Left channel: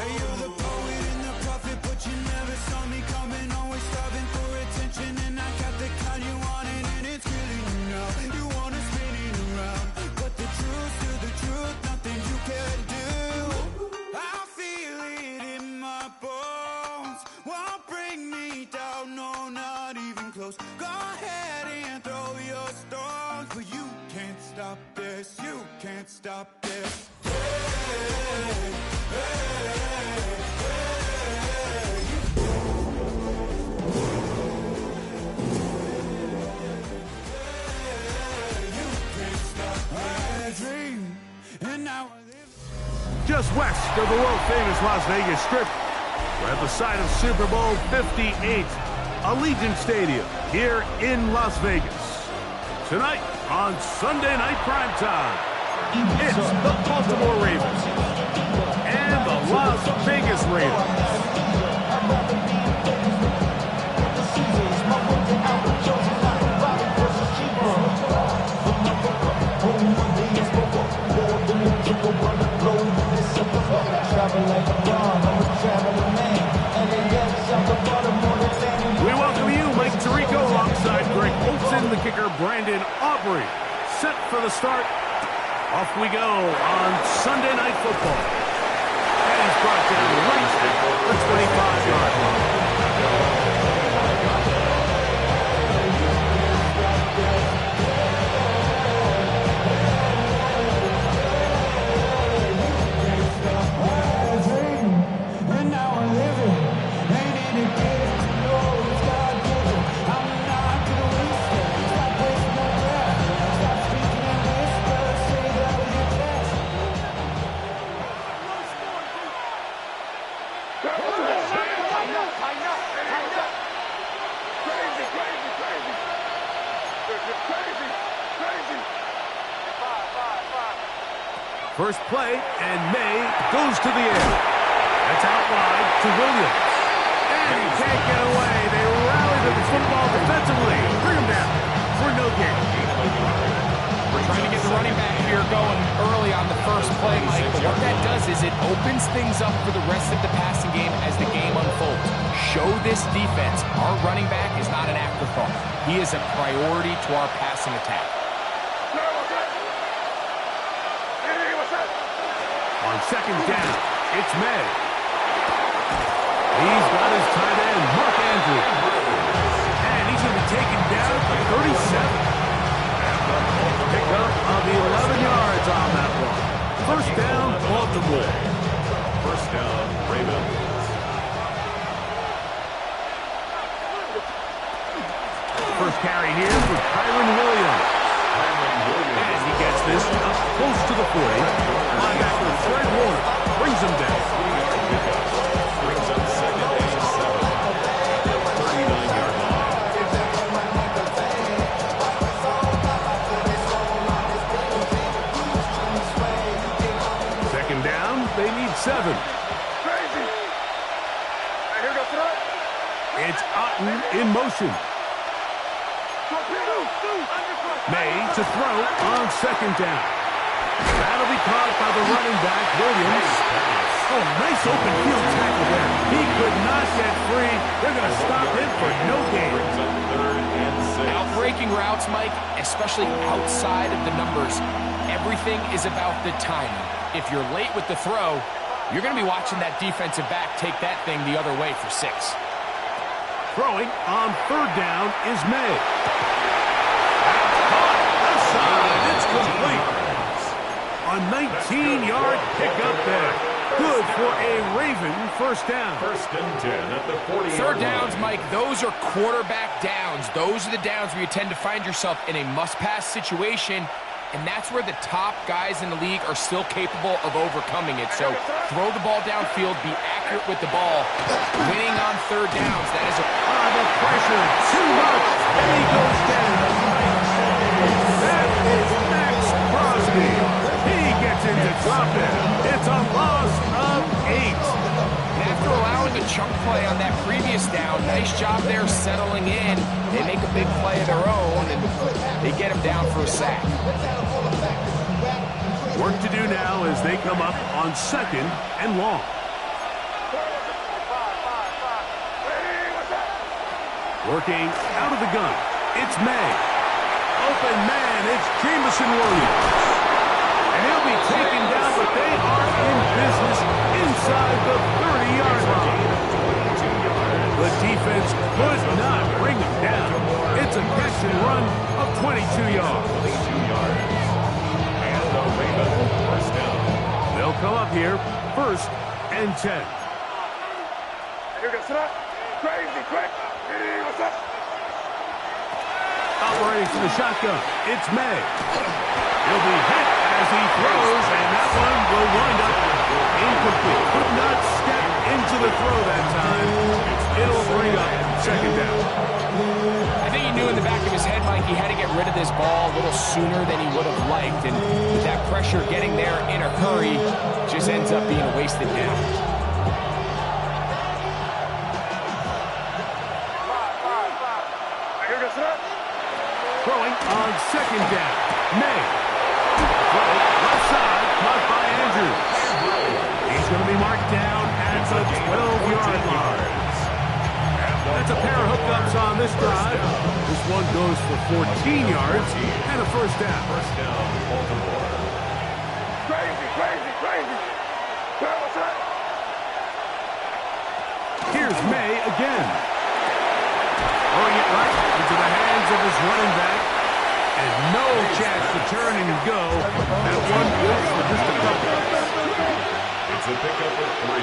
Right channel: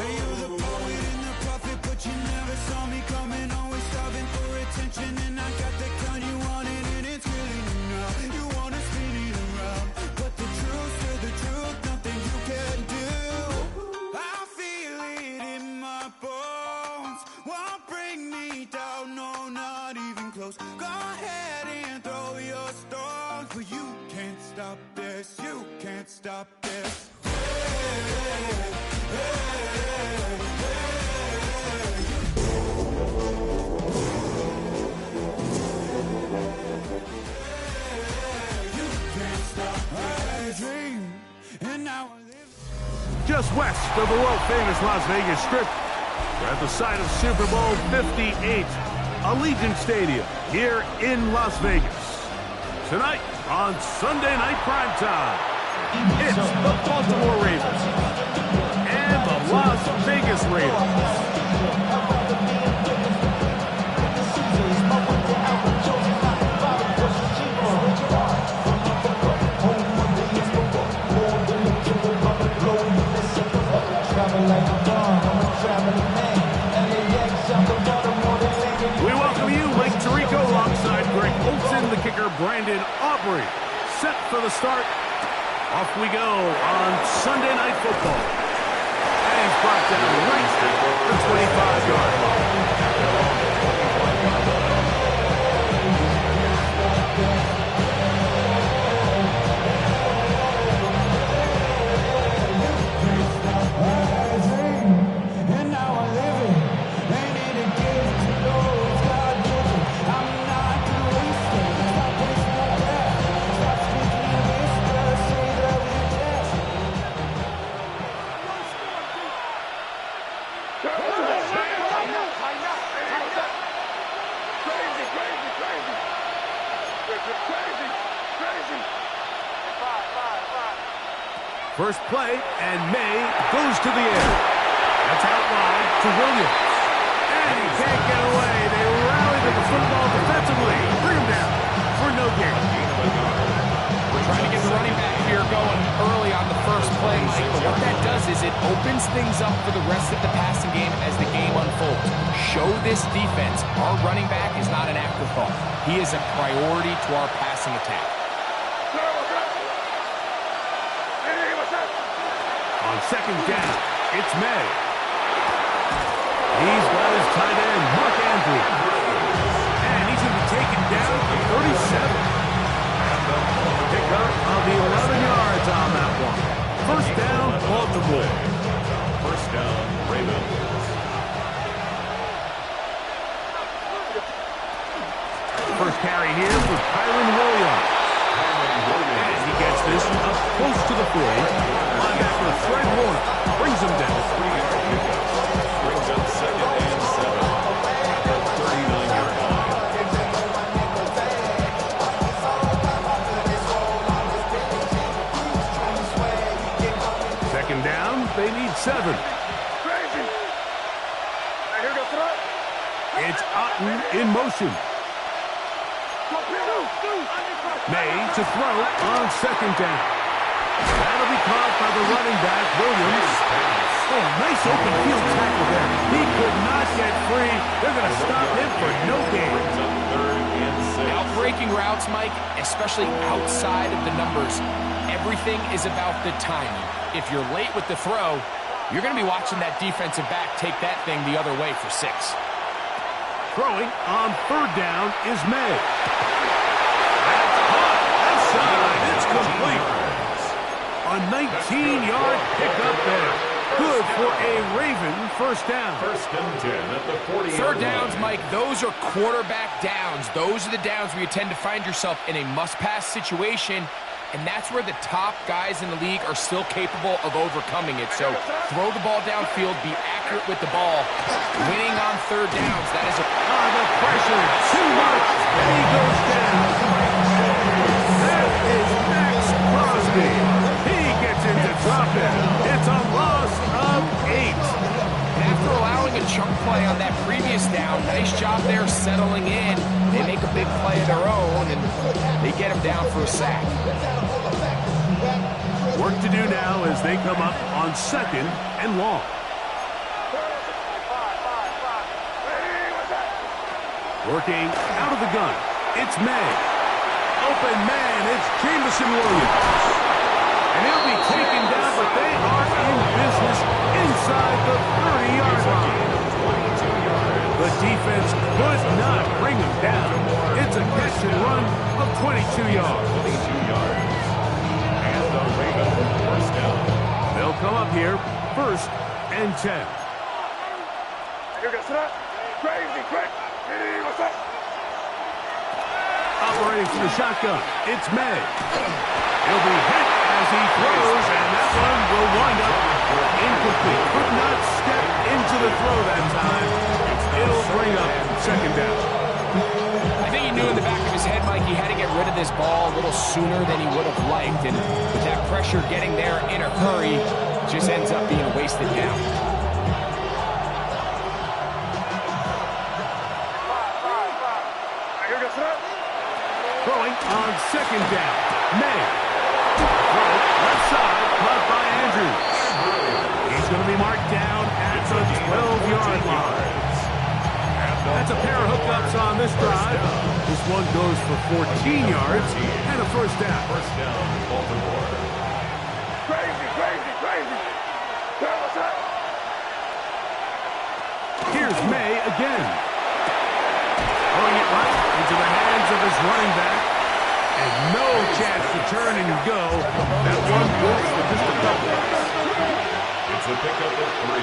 Say you're the poet and the prophet, but you never saw me coming. Always starving for attention, and I got the kind you wanted, and it's killing you now. You wanna spin it around, but the truth's still the truth. Nothing you can do. I feel it in my bones. Won't bring me down, no, not even close. Go ahead and throw your stones, but you can't stop this. You can't stop this. Just west of the world-famous Las Vegas Strip, we're at the site of Super Bowl 58, Allegiant Stadium here in Las Vegas. Tonight on Sunday Night Primetime, it's the Baltimore Ravens and the Las Vegas Raiders. We welcome you, Mike Tirico, alongside Greg Olson, the kicker, Brandon Aubrey. Set for the start. Off we go on Sunday Night Football. And he's brought down right at the 25-yard line. And now I live it. Ain't it a gift to know it's God-given? I'm not gonna waste it. Stop wasting my breath. Stop speaking in whispers. Say that with your chest. Crazy. First play, and May goes to the air. That's out wide to Williams. And he can't get away. They rally to the football defensively. Bring him down for no gain. We're trying to get the running back here going early on the first play, Mike. But what that does is it opens things up for the rest of the passing game as the game unfolds. Show this defense our running back is not an afterthought. He is a priority to our passing attack. On second down, it's May. He's got his tight end, Mark Andrews. And he's going to be taken down at the 37. Pick up of 11 yards on that one. First down, Baltimore. First down, Ravens. First carry here for Kyren Williams. And he gets this up close to the 40. Linebacker Fred Warner brings him down. 3-yard pickup. Brings up 2nd and 7 at the 39-yard line. Second down, they need 7. Crazy. Here goes throw. It's Otten in motion. May to throw on second down. That'll be caught by the running back, Williams. Oh, nice open field tackle there. He could not get free. They're going to stop him for no gain. Brings up 3rd and 6. Outbreaking routes, Mike, especially outside of the numbers, everything is about the timing. If you're late with the throw, you're going to be watching that defensive back take that thing the other way for 6. Throwing on third down is May. That's caught. Left side. It's complete. A 19-yard pickup there. Good for a Raven first down. 1st and 10 at the 40-yard line. Third downs, Mike, those are quarterback downs. Those are the downs where you tend to find yourself in a must-pass situation, and that's where the top guys in the league are still capable of overcoming it. So throw the ball downfield, be accurate with the ball. Winning on third downs, that is a... The pressure, too much, and he goes down. That is Max Crosby. He gets into dropping. It's a loss of 8. And after allowing a chunk play on that previous down, nice job there settling in. They make a big play of their own, and they get him down for a sack. Work to do now as they come up on 2nd and long. Working out of the gun, it's May. Open man, it's Jameson Williams. And he'll be taken down, but they are in business inside the 30-yard line. 22 yards. The defense could not bring him down. It's a catch and run of 22 yards. 22 yards. And the Ravens first down. They'll come up here, 1st and 10. Crazy, quick. Hey, what's up? Operating from the shotgun, it's May. He'll be hit as he throws, and that one will wind up incomplete. Could not step into the throw that time. It'll bring up 2nd down. I think he knew in the back of his head, Mike, he had to get rid of this ball a little sooner than he would have liked. And with that pressure getting there in a hurry, just ends up being a wasted down. Throwing on 2nd down. May. Throw left side, caught by Andrews. He's going to be marked down at the 12-yard line. That's a pair of hookups on this drive. This one goes for 14 yards and a 1st down. First down, Baltimore. Crazy, crazy, crazy. Hey, what's up? Here's May again. Throwing it right into the hands of his running back. And no chance to turn and go. That one goes for just a couple. It's a pickup of 3.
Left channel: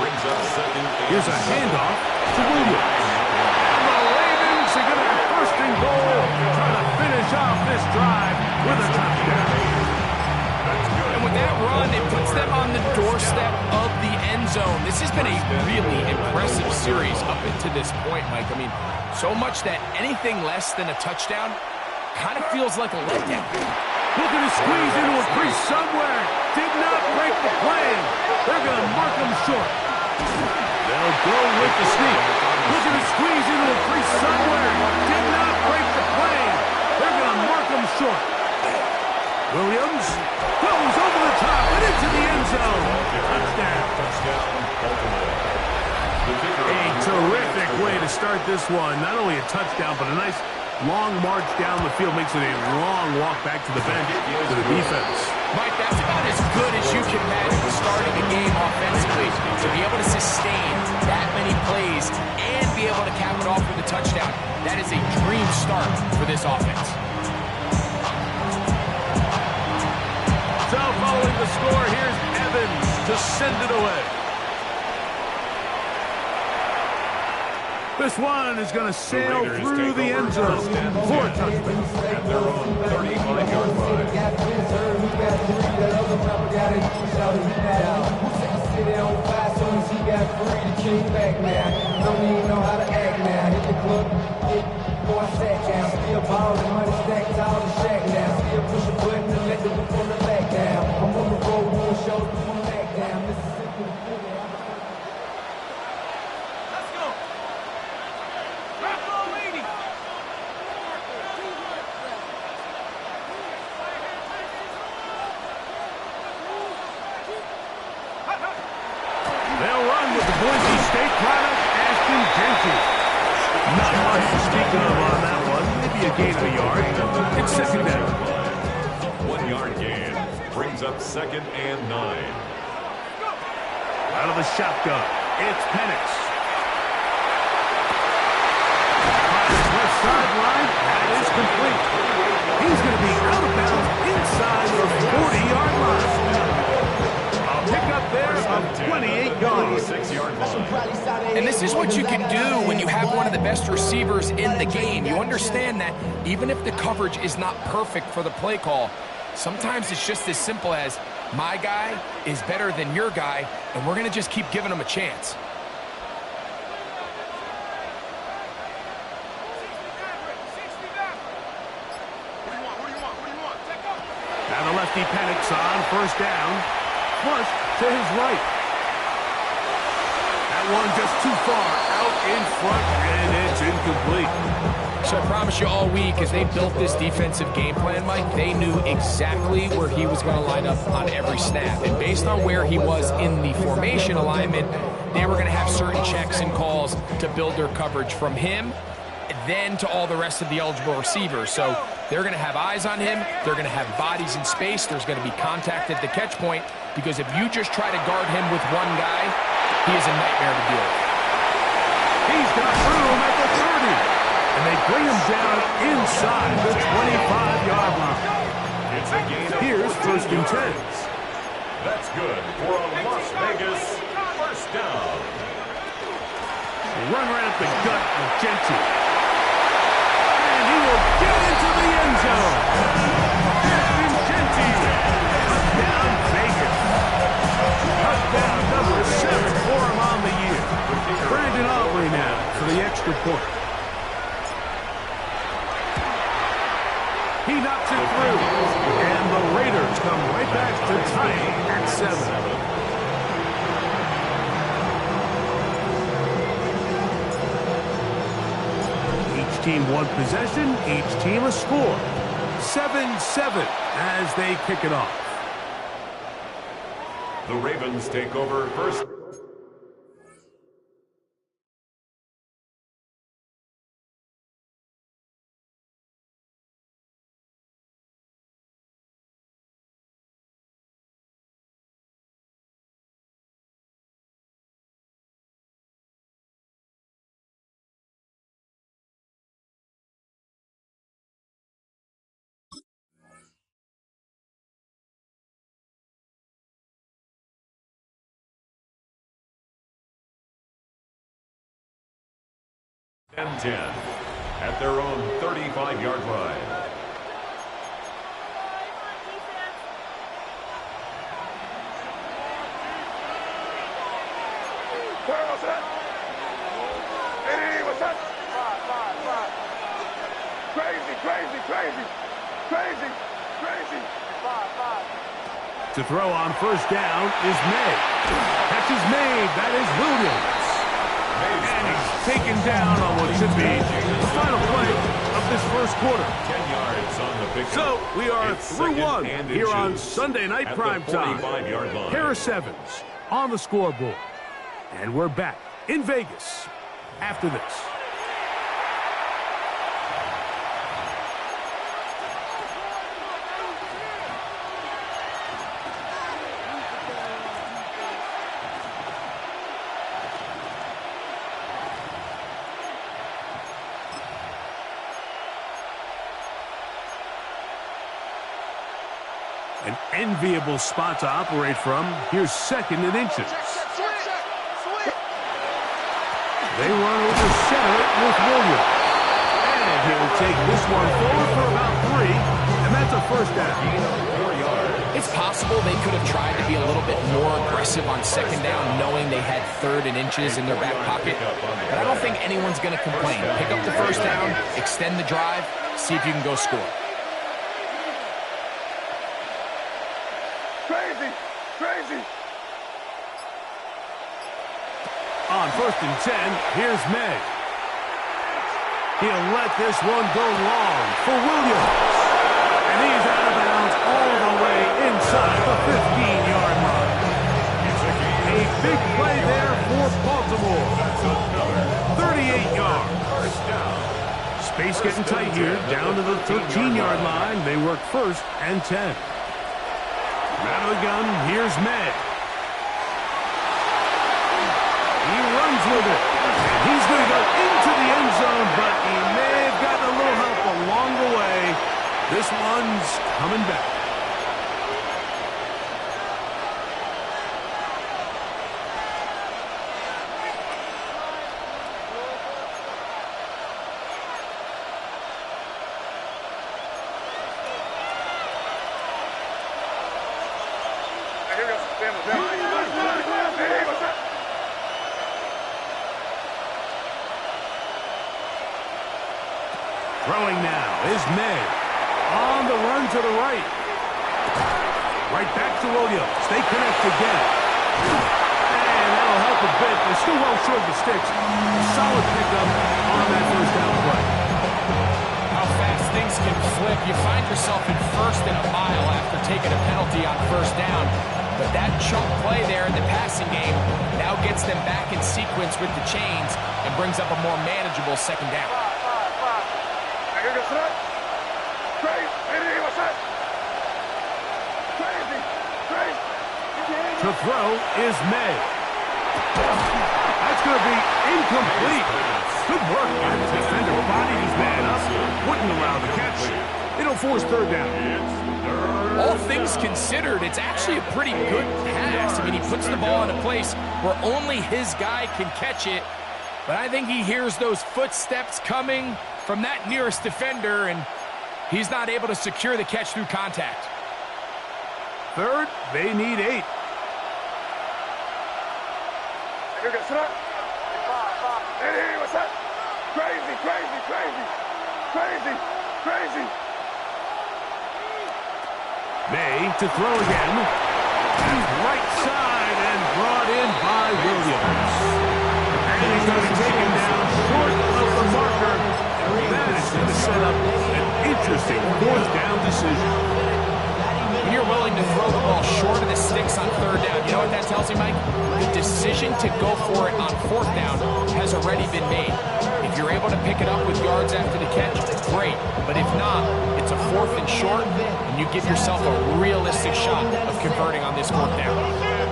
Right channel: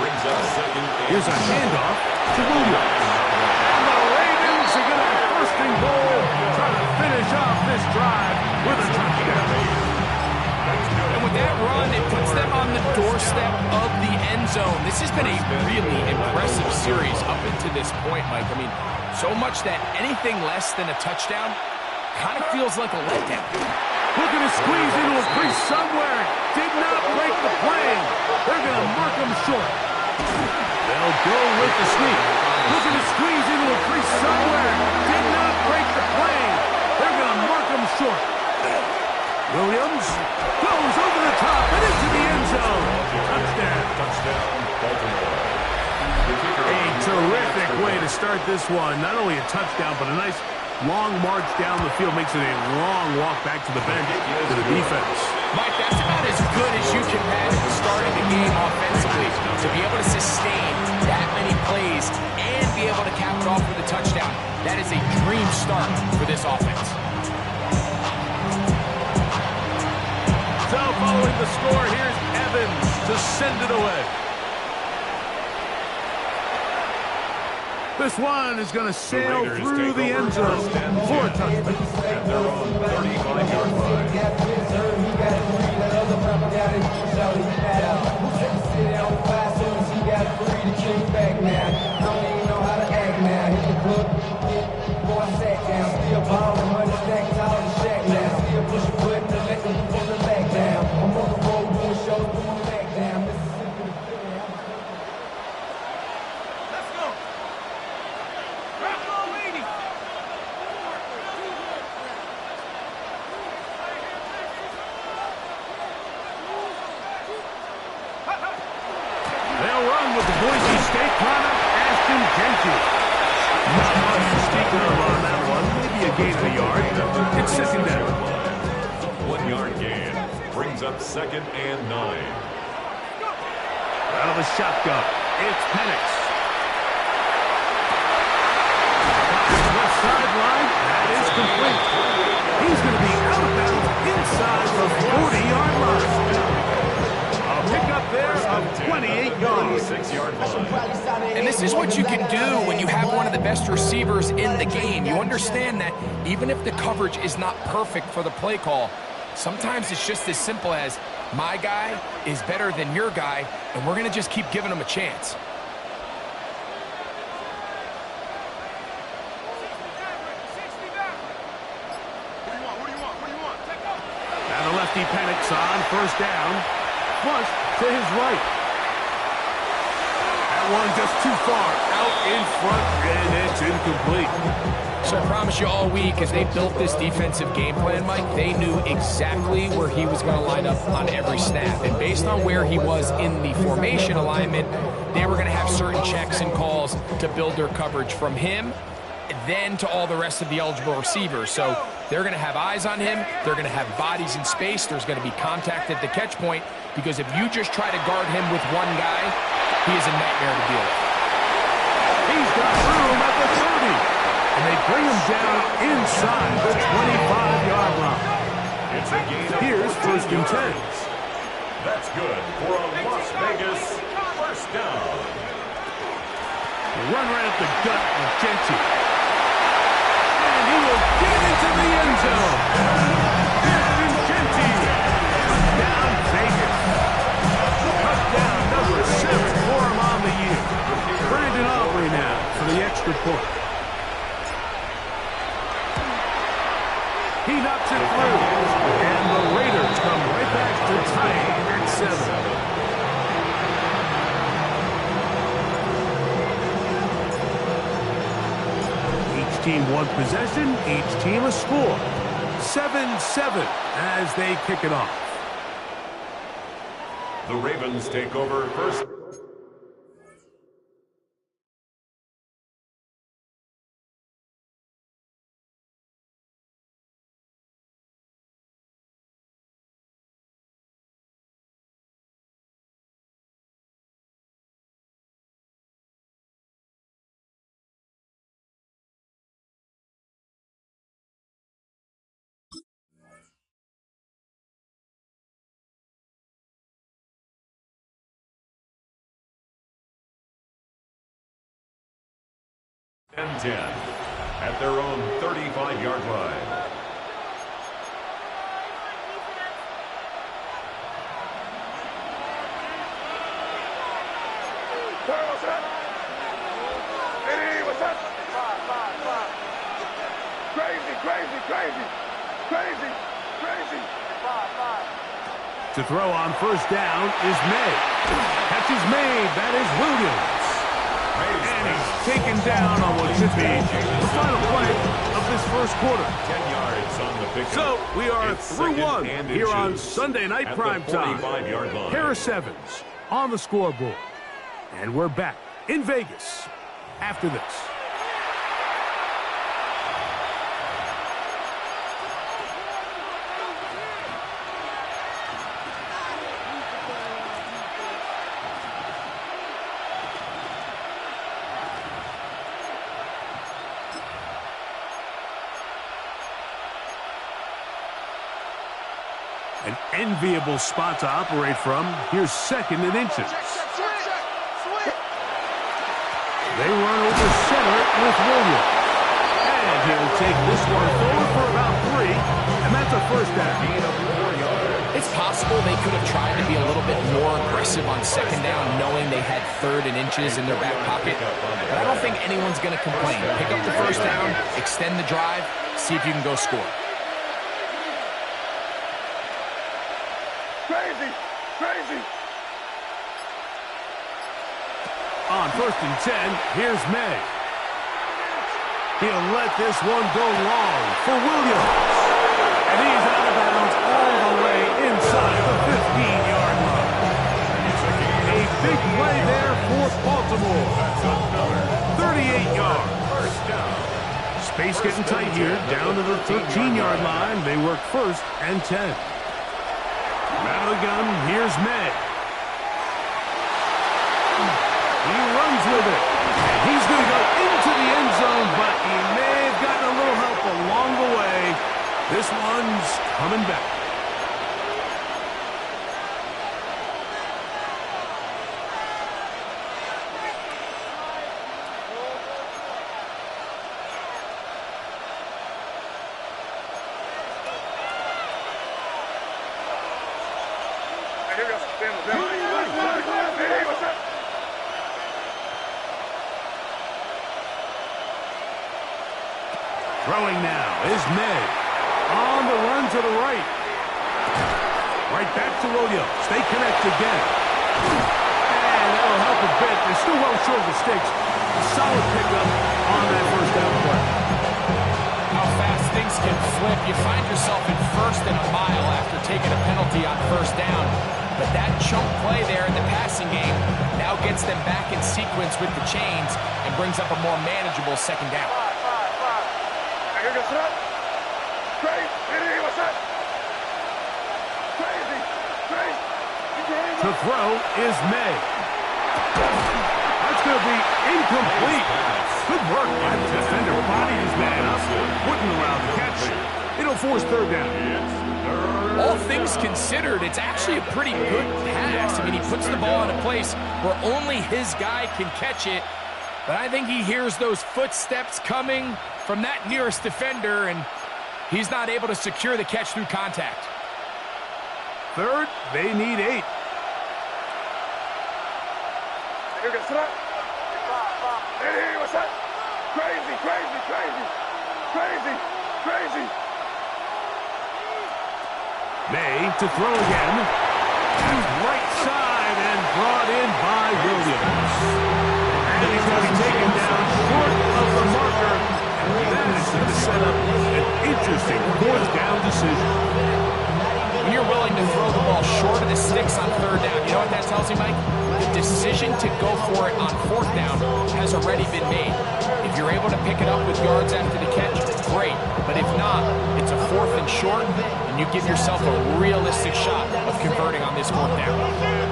Brings up 2nd and Here's a handoff to Williams. And the Ravens are going to have 1st and goal, trying to finish off this drive with a touchdown. And with that run, it puts them on the doorstep of the end zone. This has been a really impressive series up into this point, Mike. I mean, so much that anything less than a touchdown kind of feels like a letdown. Looking to squeeze into a crease somewhere. Did not break the plane. They're going to mark him short. They'll go with the sneak. Looking to squeeze into a crease somewhere. Did not break the plane. They're going to mark him short. Williams goes over the top and into the end zone. Touchdown. Touchdown, Baltimore. A terrific way to start this one. Not only a touchdown, but a nice long march down the field. Makes it a long walk back to the bench to the defense. Mike, that's about as good as you can imagine starting a game offensively. To be able to sustain that many plays and be able to cap it off with a touchdown, that is a dream start for this offense. So following the score, here's Evans to send it away. This one is going to sail through the end zone for a touchdown. At their own 35-yard line. They'll run with the Boise State product, Ashton Jenkins. Not much to speak of on that one. Maybe a gain of a yard. It's 2nd down. 1-yard gain. Brings up 2nd and 9. Out of the shotgun, it's Penix. Left sideline, that is complete. He's going to be out of bounds inside the 40-yard line. A pickup there of 28 yards. 6-yard line. And this is what you can do when you have one of the best receivers in the game. You understand that even if the coverage is not perfect for the play call, sometimes it's just as simple as my guy is better than your guy, and we're going to just keep giving him a chance. Now the lefty Penix on 1st down. Flush to his right. That one just too far out in front, and it's incomplete. So I promise you all week, as they built this defensive game plan, Mike, they knew exactly where he was going to line up on every snap. And based on where he was in the formation alignment, they were going to have certain checks and calls to build their coverage from him then to all the rest of the eligible receivers. So they're going to have eyes on him. They're going to have bodies in space. There's going to be contact at the catch point, because if you just try to guard him with one guy, he is a nightmare to deal with. He's got room at the 30, and they bring him down inside the 25-yard line. It's a gain of Here's 14 first and 10. yards. That's good for a Las Vegas first down. Run right up the gut of Genty. And he will get into the end zone. Ashton Genty. Touchdown Vegas. Touchdown number 7 for him on the year. Brandon Aubrey now for the extra point. He knocks it through. And the Raiders come right back to tie it at 7. Each team one possession, each team a score. 7-7 as they kick it off. The Ravens take over first. And 10 at their own 35-yard line. What's that? Hey, what's that? Five. Crazy. Five. To throw on first down is May. Catch is made. That is Williams. And he's taken down on what should be the final play of this first quarter. 10 yards on the pickup. So we are It's through second one and here on inches Sunday Night at Prime the Time. 45-yard line. Harris Evans on the scoreboard. And we're back in Vegas after this. An enviable spot to operate from. Here's second and inches. They run over center with Williams. And he'll take this one forward for about 3, and that's a first down. Gain of 4 yards. It's possible they could have tried to be a little bit more aggressive on second down, knowing they had third and inches in their back pocket. But I don't think anyone's going to complain. Pick up the first down, extend the drive, see if you can go score. Crazy. On first and 10, here's May. He'll let this one go long for Williams. And he's out of bounds all the way inside the 15-yard line. A big play there for Baltimore. 38 yards. First down. Space getting tight here, down to the 13-yard line. They work first and 10. Out of the gun, here's May. He runs with it. And he's going to go into the end zone, but he may have gotten a little help along the way. This one's coming back. Here we go. Hey, what's that? Throwing now is May. On the run to the right. Right back to Williams. They connect again. And that'll help a bit. They're still well short of the sticks. Solid pickup on that first down play. How fast things can flip. You find yourself in first and a mile after taking a penalty on first down. But that chunk play there in the passing game now gets them back in sequence with the chains and brings up a more manageable second down. To throw is May. That's going to be incomplete. Good work by the defender. Bodied his man up. Wouldn't allow the catch. It'll force third down. All things considered, it's actually a pretty good pass. I mean, he puts the ball in a place where only his guy can catch it. But I think he hears those footsteps coming from that nearest defender, and he's not able to secure the catch through contact. Third, they need 8. May to throw again. That's right side and brought in by Williams. And he's going to be taken down short of the marker. And that is going to set up an interesting fourth down decision. When you're willing to throw the ball short of the sticks on third down, you know what that tells you, Mike? The decision to go for it on fourth down has already been made. If you're able to pick it up with yards after the catch, great. But if not, it's a 4th and short, and you give yourself a realistic shot of converting on this fourth down.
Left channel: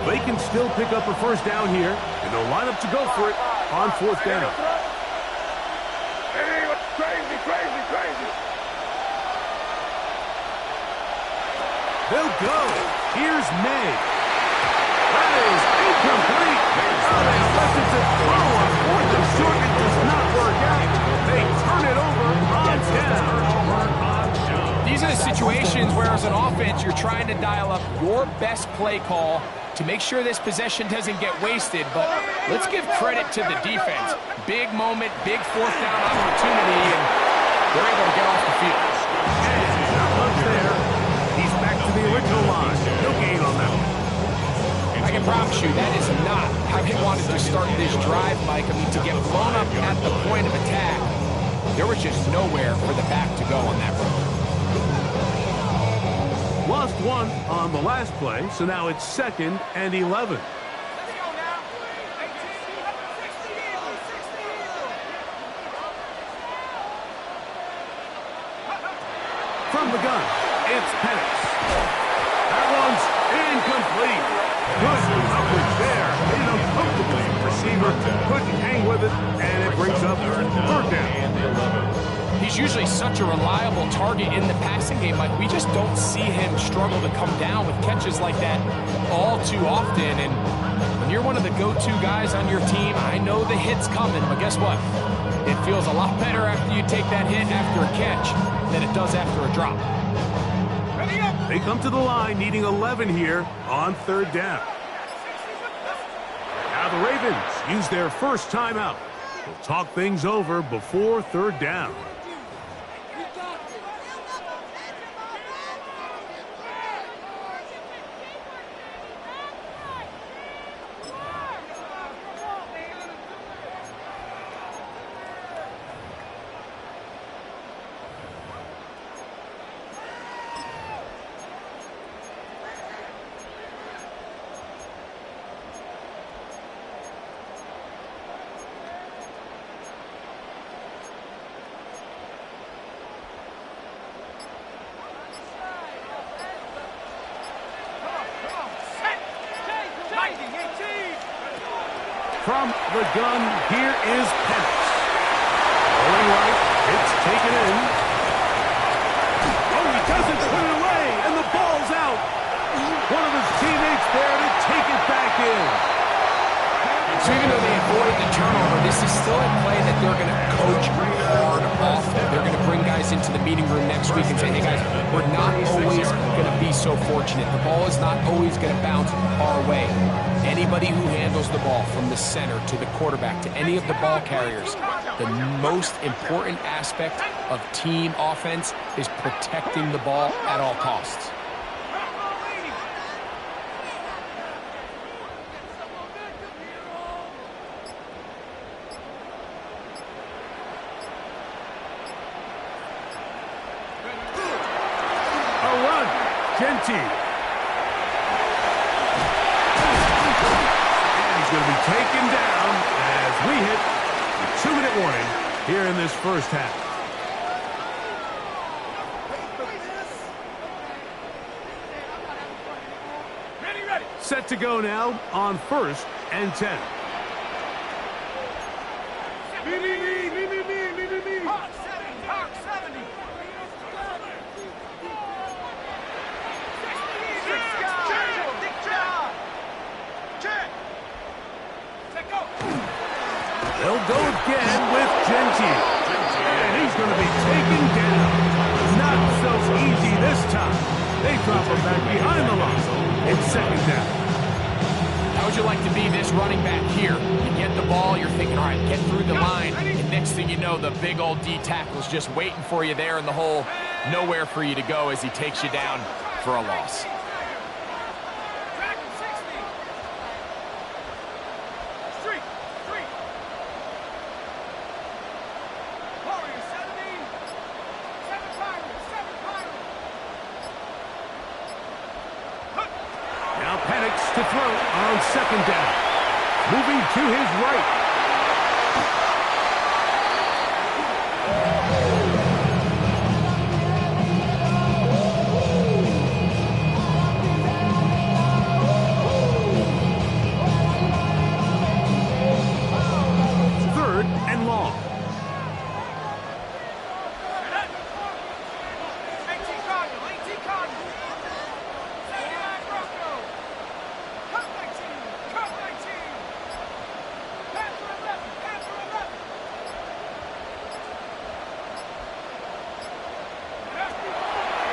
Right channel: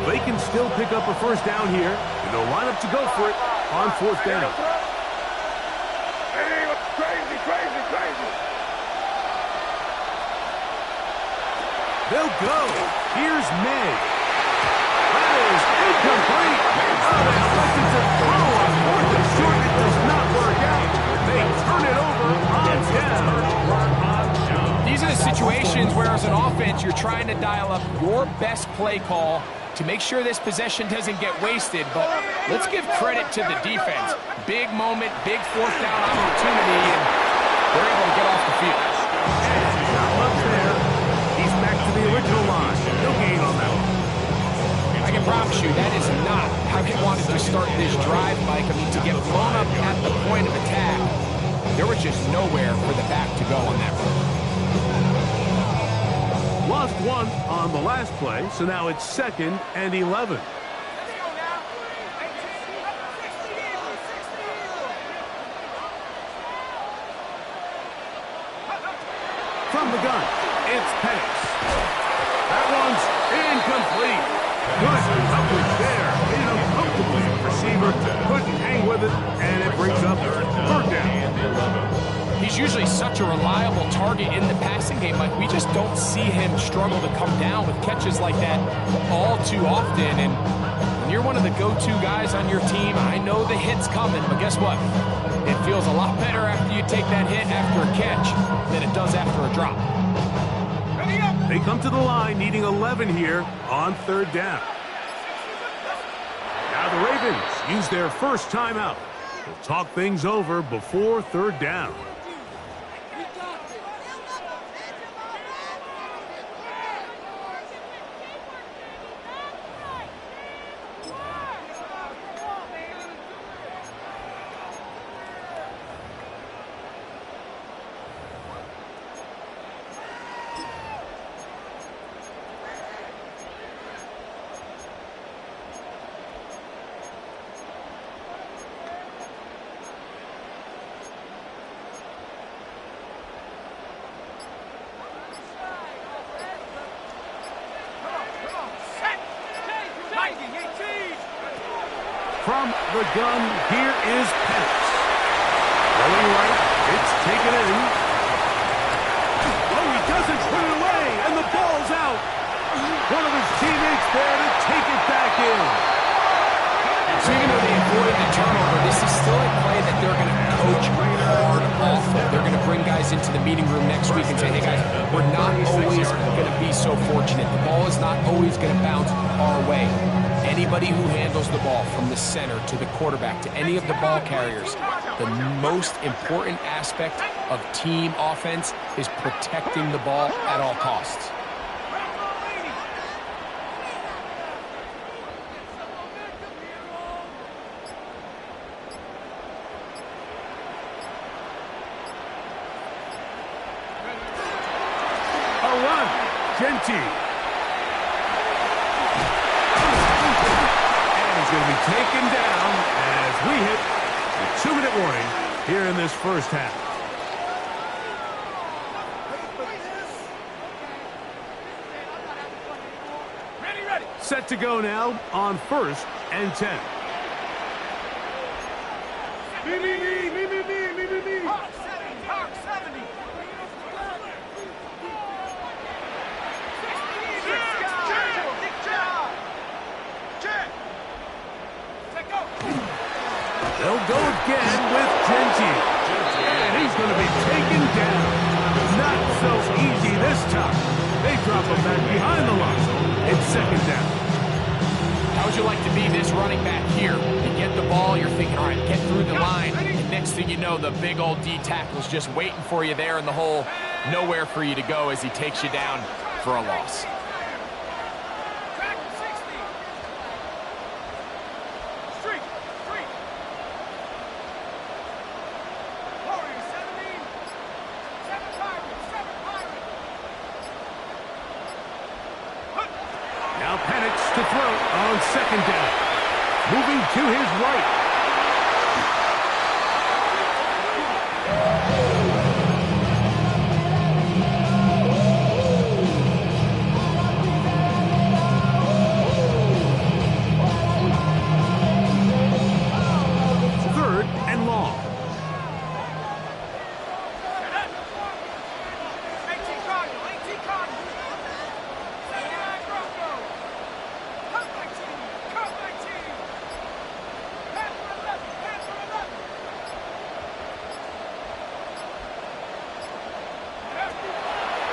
They can still pick up a first down here, and they'll line up to go for it on fourth down. Crazy. They'll go. Here's May. That is incomplete. Oh, they elected to throw on 4th and short. It does not work out. They turn it over on down. These are the situations where, as an offense, you're trying to dial up your best play call to make sure this possession doesn't get wasted. But let's give credit to the defense. Big moment, big fourth down opportunity, and they're able to get off the field. And not much there. He's back to the original line. No gain on that one. I can promise you that is not how he wanted to start this drive, Mike. I mean, to get blown up at the point of attack, there was just nowhere for the back to go on that run. Lost 1 on the last play, so now it's 2nd and 11. From the gun, it's Penix. That one's incomplete. Good coverage there. Made it uncomfortably. Receiver couldn't hang with it, and it brings up third down. He's usually such a reliable target in the passing game, Mike. We just don't see him struggle to come down with catches like that all too often. And when you're one of the go-to guys on your team, I know the hit's coming, but guess what? It feels a lot better after you take that hit after a catch than it does after a drop. They come to the line needing 11 here on third down. Now the Ravens use their first timeout. They'll talk things over before third down. From the gun, here is Penix. Rolling right, it's taken in. Oh, he doesn't put it away, and the ball's out. One of his teammates there to take it back in. So even though they avoided the turnover, this is still a play that they're going to coach hard off of. They're going to bring guys into the meeting room next week and say, hey guys, we're not always going to be so fortunate. The ball is not always going to bounce our way. Anybody who handles the ball from the center to the quarterback to any of the ball carriers, the most important aspect of team offense is protecting the ball at all costs. A run, Genty. Going to be taken down as we hit the 2-minute warning here in this first half. Set to go now on 1st and 10. Me. Hawk 70. They'll go again with Genty. And he's going to be taken down. Not so easy this time. They drop him back behind the line. It's 2nd down. How would you like to be this running back here? You get the ball, you're thinking, all right, get through the line, and next thing you know, the big old D tackle's just waiting for you there in the hole. Nowhere for you to go as he takes you down for a loss. Now Penix to throw on 2nd down. Moving to his right. Third and long.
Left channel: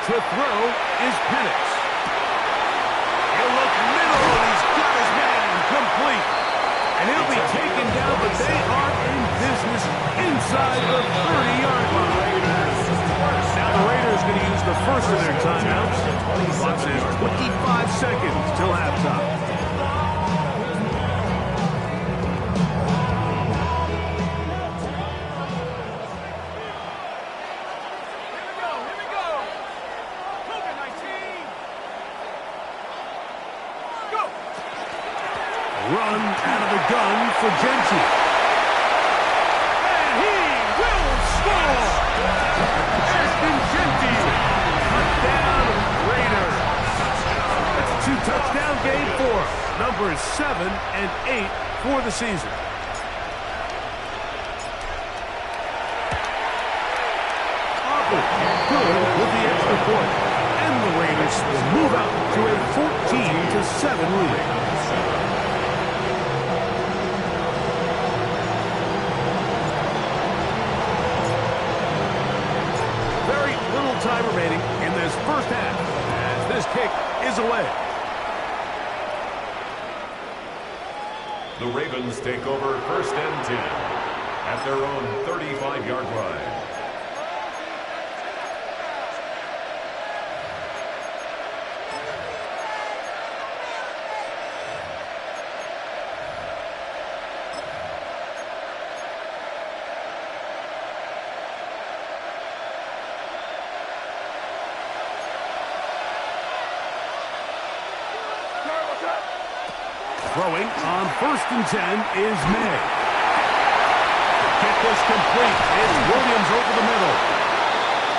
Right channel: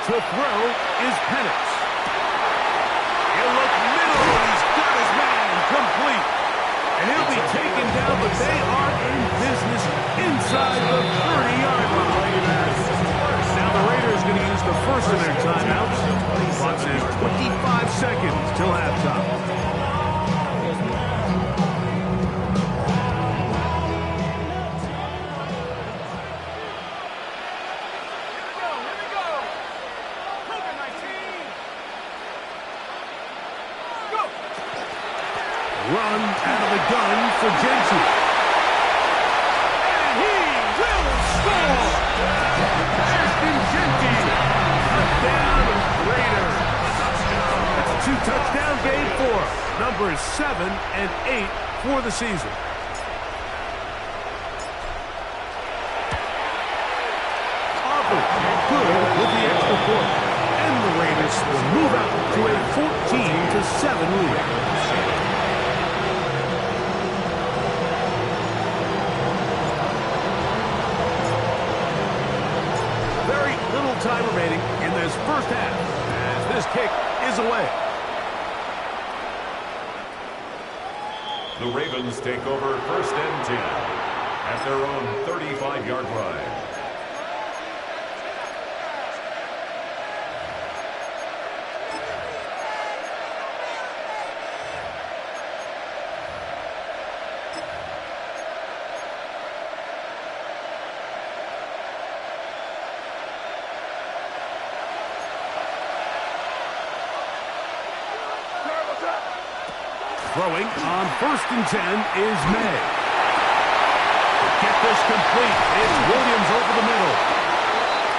To throw is Penix. He'll look middle, and he's got his man complete. And he'll be taken down, but they are in business inside the 30-yard line. Now the Raiders going to use the first of their timeouts. Clock says 25 seconds till halftime. Run out of the gun for Genty. And he will score! Ashton Genty, touchdown Raiders. That's a 2-touchdown game for him. Numbers 7 and 8 for the season. Aubrey good with the extra point. And the Raiders will move out to a 14-7 lead. Time remaining in this first half as this kick is away. The Ravens take over 1st and 10 at their own 35-yard line. Throwing on 1st and 10 is May. To get this complete, it's Williams over the middle.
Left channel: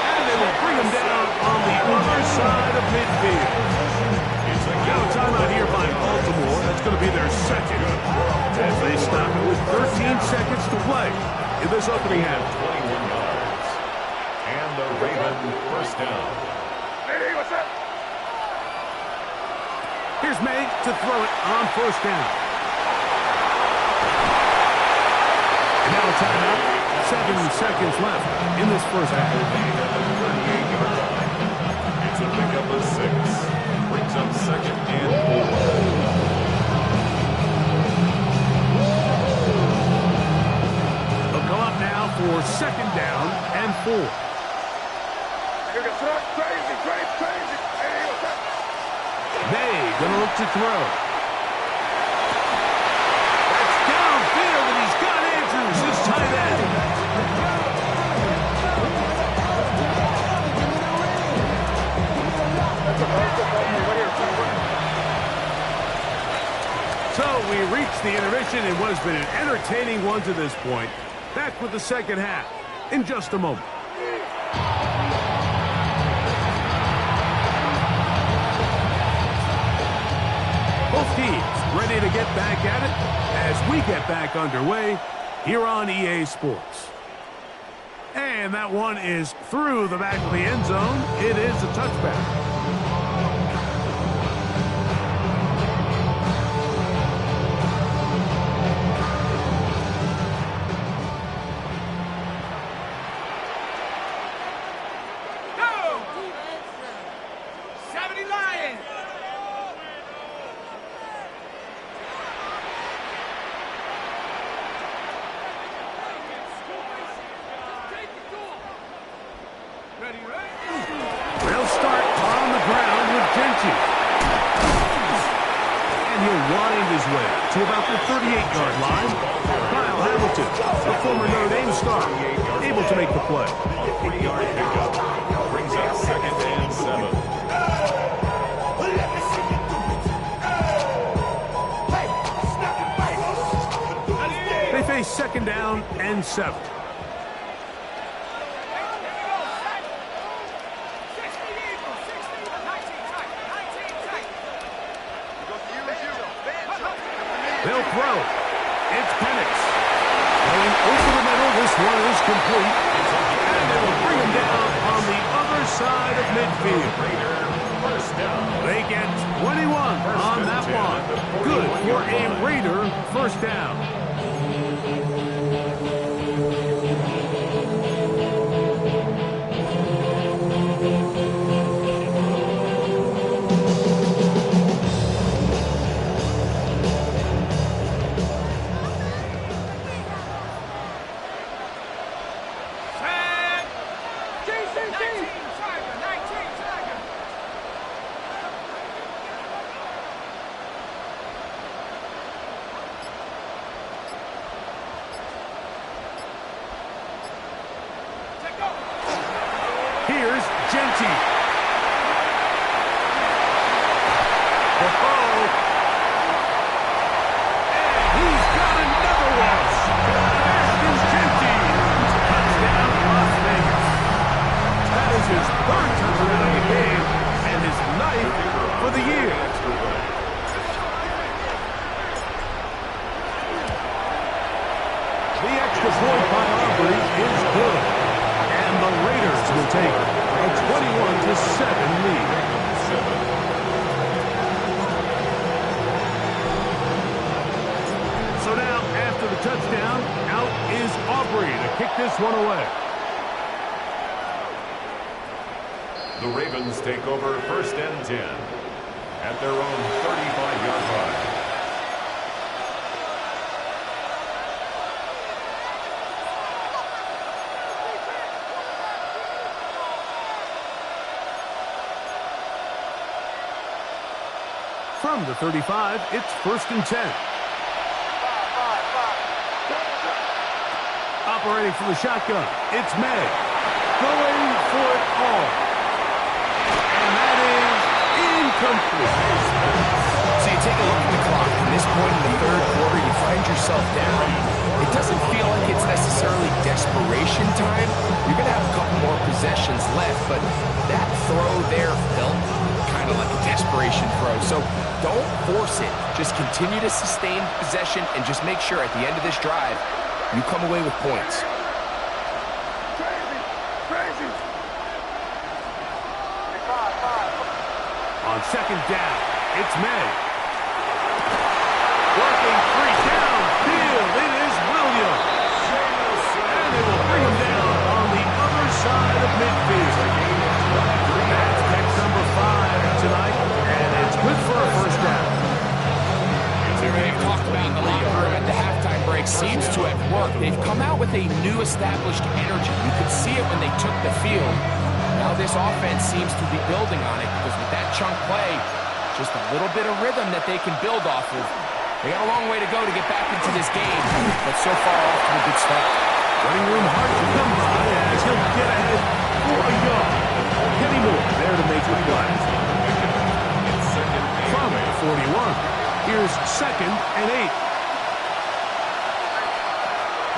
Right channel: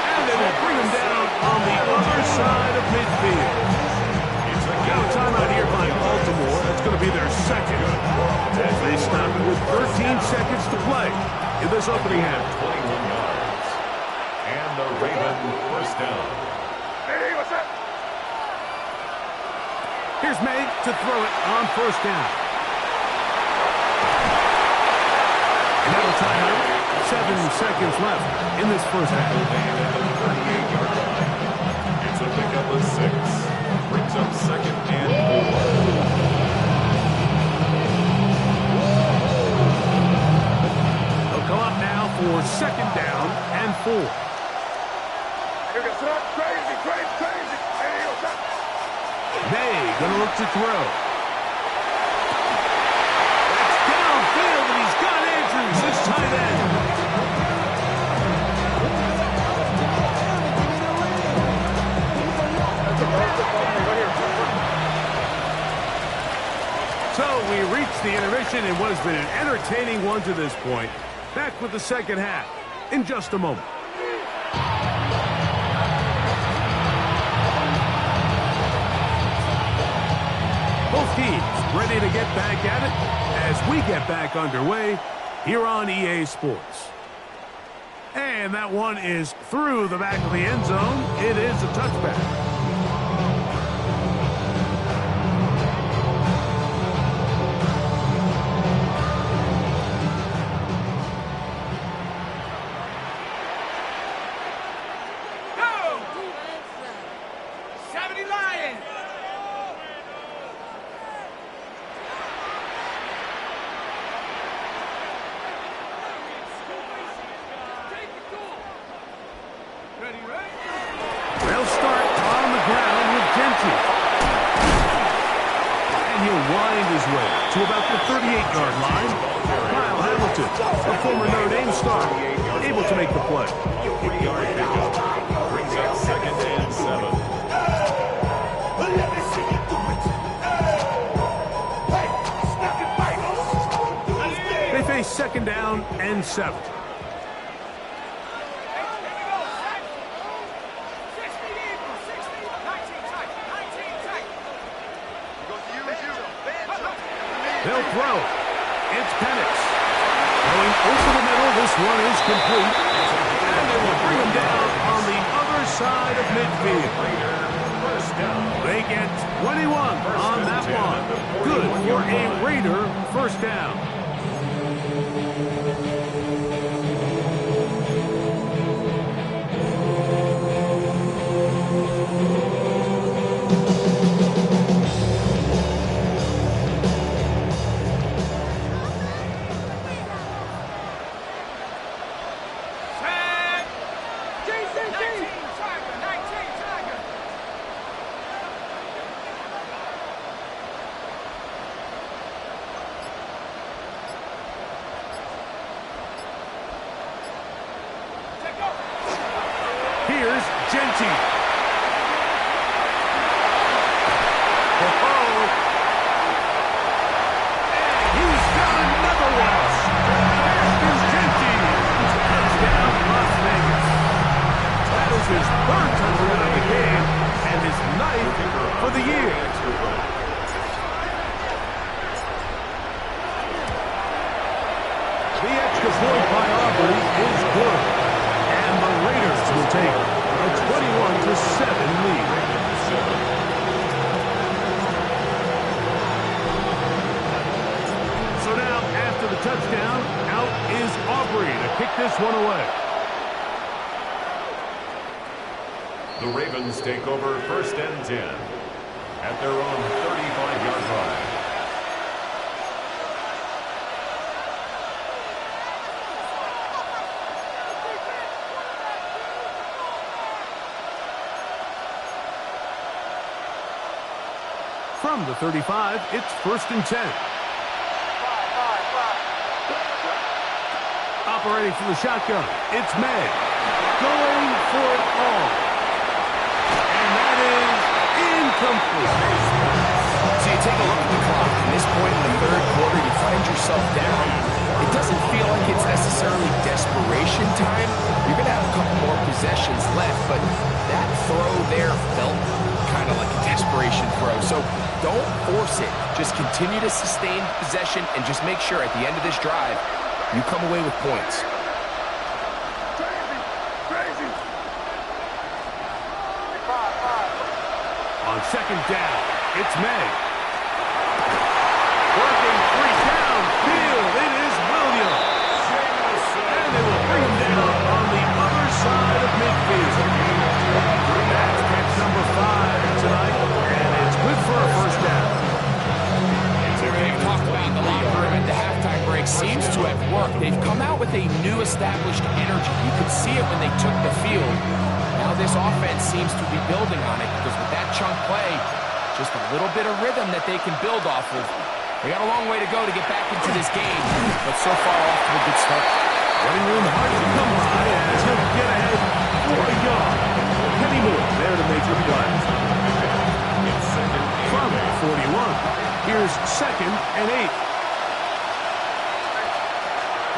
And they will bring him down on the other side of midfield. Now a timeout here by Baltimore. That's going to be their second. As they stop it with 13 seconds to play in this opening half. 21 yards. And the Raven 1st down. Hey, what's up? Here's May to throw it on 1st down. And now a timeout. 7 seconds left in this first half. At the 38-yard line. It's a pickup of 6. Brings up 2nd and 4. They'll come up now for 2nd down and 4. Here goes crazy. Hey, what's up? May gonna look to throw. That's downfield, and he's got Andrews, his tight end. So we reach the intermission in what has been an entertaining one to this point. Back with the second half in just a moment. Both teams ready to get back at it as we get back underway here on EA Sports. And that one is through the back of the end zone. It is a touchback. They'll start on the ground with Genty. And he'll wind his way to about the 38-yard line. Kyle Hamilton, a former Notre Dame star, able to make the play. A 3-yard pickup brings up 2nd and 7. They face 2nd down and 7. They'll throw. It's Penix. Going over the middle. This one is complete. And they will bring him down on the other side of midfield. First down. They get 21 on that one. Good for a Raider first down. Here's Genty. Oh, and he's got another one. There's Genty. Touchdown, Las Vegas. That is his 3rd touchdown of the game and his 9th for the year. The extra point by Aubrey is good. And the Raiders will take a 21-7 lead. So now, after the touchdown, out is Aubrey to kick this one away. The Ravens take over 1st and 10 at their own 35-yard line. From the 35, it's 1st and 10. Operating from the shotgun, it's May. Going for it all. And that is incomplete. So you take a look at the clock. At this point in the 3rd quarter, you find yourself down. It doesn't feel like it's necessarily desperation time. You're going to have a couple more possessions left, but that throw there felt kind of like a desperation throw. So don't force it. Just continue to sustain possession and just make sure at the end of this drive, you come away with points. Crazy. On 2nd down, it's May. Working 3 downfield, it is Williams. And they will bring him down on the other side of midfield. That's catch number 5 tonight, and it's good for a first down. They've talked about in the locker room at the halftime break seems to have worked. They've come out with a new established energy. You could see it when they took the field. Now this offense seems to be building on it because with that chunk play, just a little bit of rhythm that they can build off of. They got a long way to go to get back into this game, but so far off to a good start. Running room hard to come by as he'll get ahead for a yard. Kenny Moore there to make the play. From 41. Here's 2nd and 8.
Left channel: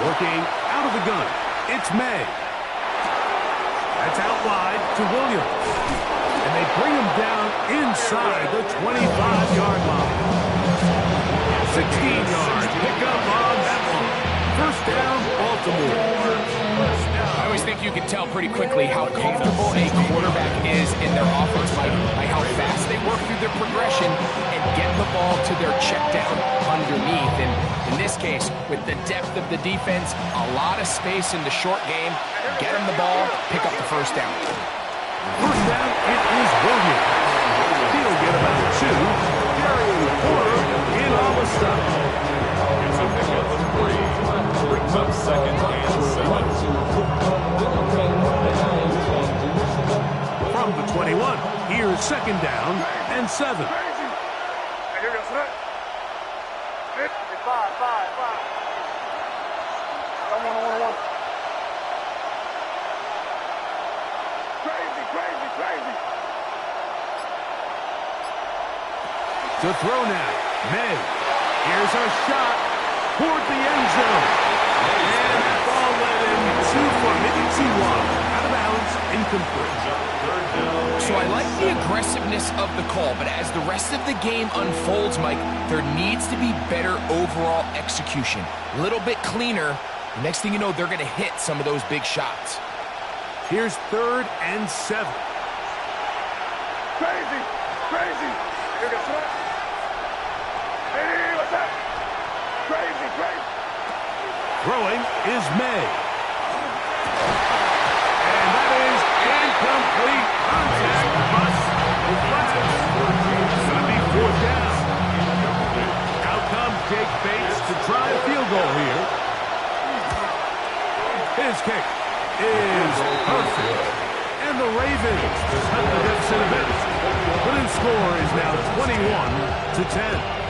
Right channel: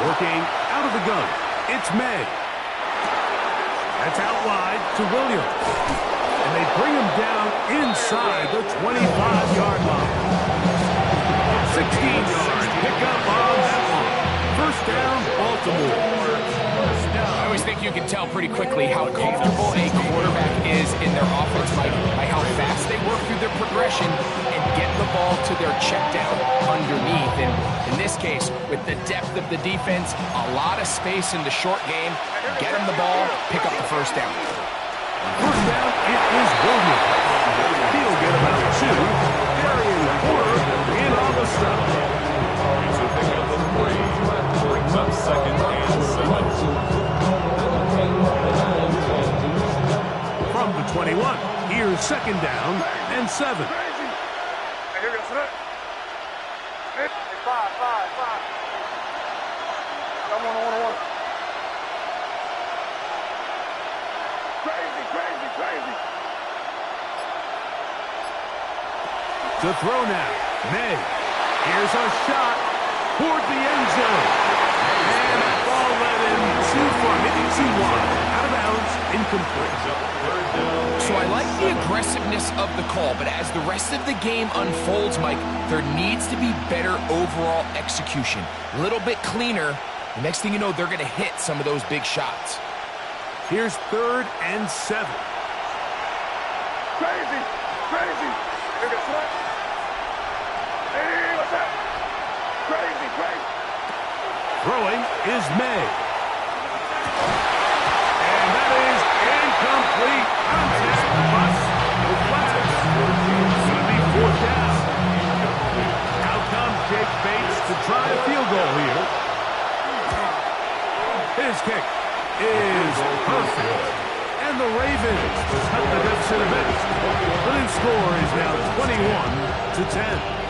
Working out of the gun. It's May. That's out wide to Williams. And And they bring him down inside the 25-yard line. 16-yard pickup on that one. First down, Baltimore. I always think you can tell pretty quickly how comfortable a quarterback is in their offense by how fast they work through their progression and get the ball to their check down underneath. And in this case, with the depth of the defense, a lot of space in the short game, get them the ball, pick up the first down. First down, it is Williams. He'll get about 2. Carrying Porter in on the stop. It's a pickup of 3. Brings up second and 7. From the 21, here's second down and 7. Crazy. Hey, here we go, son. Hey, 5. Got one. Crazy. To throw now, May. Here's a shot toward the end zone. And that ball led him too far, maybe too wide. Out of bounds, incomplete. So I like the aggressiveness of the call, but as the rest of the game unfolds, Mike, there needs to be better overall execution. A little bit cleaner. The next thing you know, they're going to hit some of those big shots. Here's 3rd and 7. Crazy. Here we go, son. Hey, what's that? Crazy. Throwing is May. And that is incomplete. Contact, bust, no flags. It's going to be 4th down. Out comes Jake Bates to try a field goal here. His kick is perfect. And the Ravens cut the deficit a bit. The new score is now 21-10.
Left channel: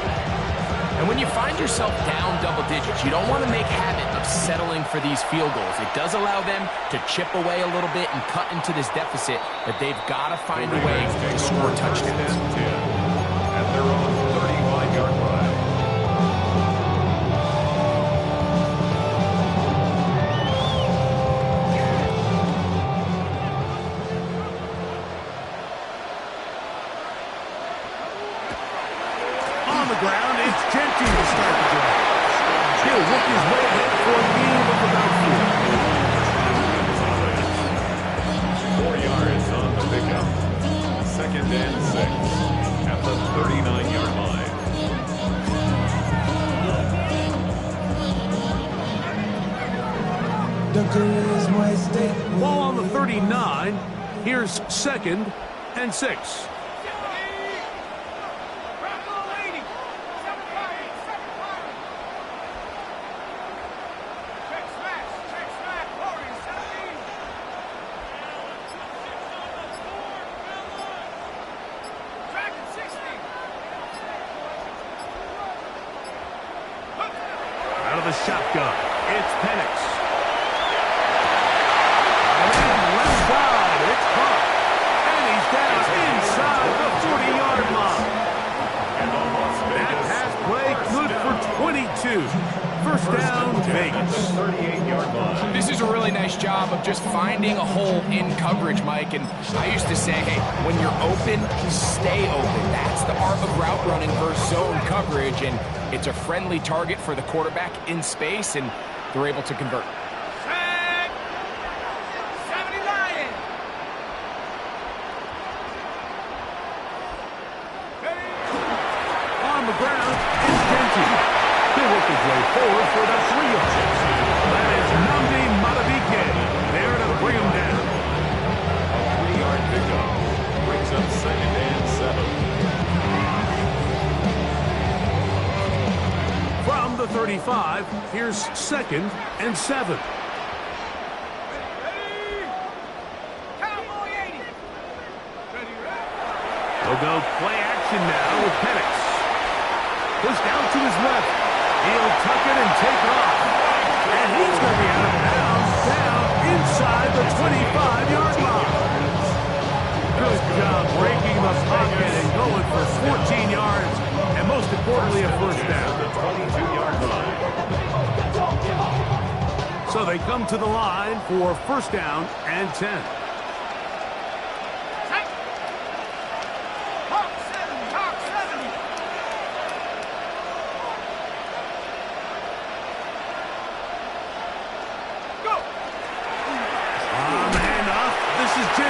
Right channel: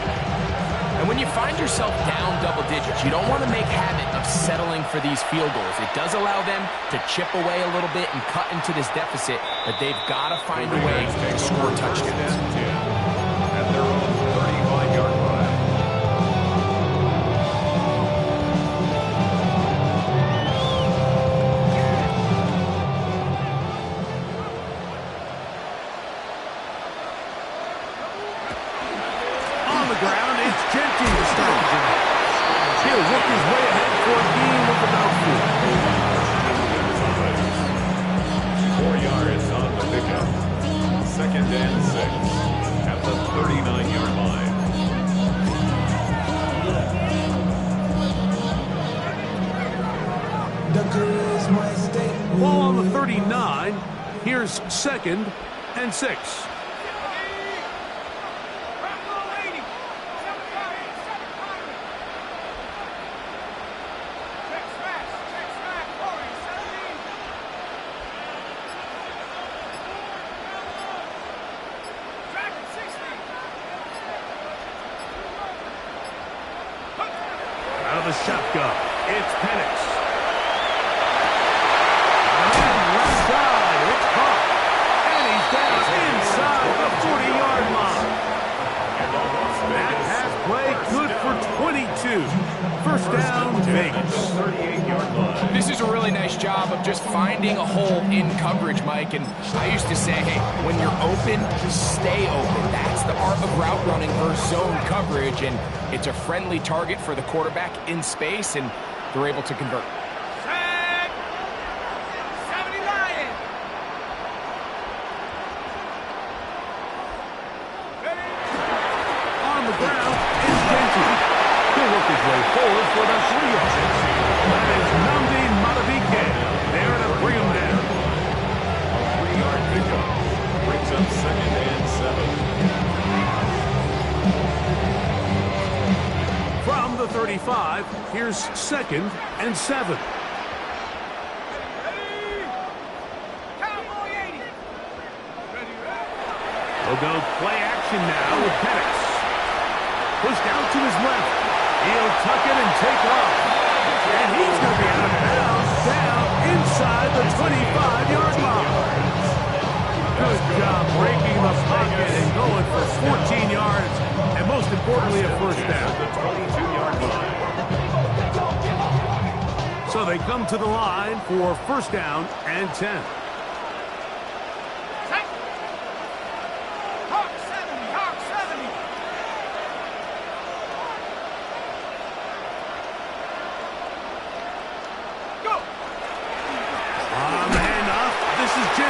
And when you find yourself down double digits, you don't want to make habit of settling for these field goals. It does allow them to chip away a little bit and cut into this deficit, but they've got to find a way to score touchdowns. At their own 35-yard line. On the ground, it's Genty to start the drive. He'll work his way ahead for a gain of about 4. 4 yards on the pickup. Second and 6 at the 39-yard line. Ball on the 39. Here's 2nd and 6. Out of the shotgun, it's Penix. And left side, it's caught. And he's down inside the 40-yard line. That pass play good for 22. First down, Vegas. 38-yard line. This is a really nice job of just finding a hole in coverage, Mike. And I used to say, hey, when you're open, stay open. That's the art of route running versus zone coverage. And it's a friendly target for the quarterback in space, and they're able to convert. Tag! 70 Lion! On the ground, it's Genty. He'll work his way forward for the 3 yards. That is Nnamdi Madubuike there to bring him down. A 3-yard pickup brings up second and 7. From the 35, here's 2nd and 7. Cowboy 80! They'll go play action now with Penix. Pushed out to his left. He'll tuck it and take off. And he's going to be out of bounds down inside the 25-yard line. Good job breaking the pocket and going for 14 yards. And most importantly, a first down. The 22-yard line. So they come to the line for first down and 10.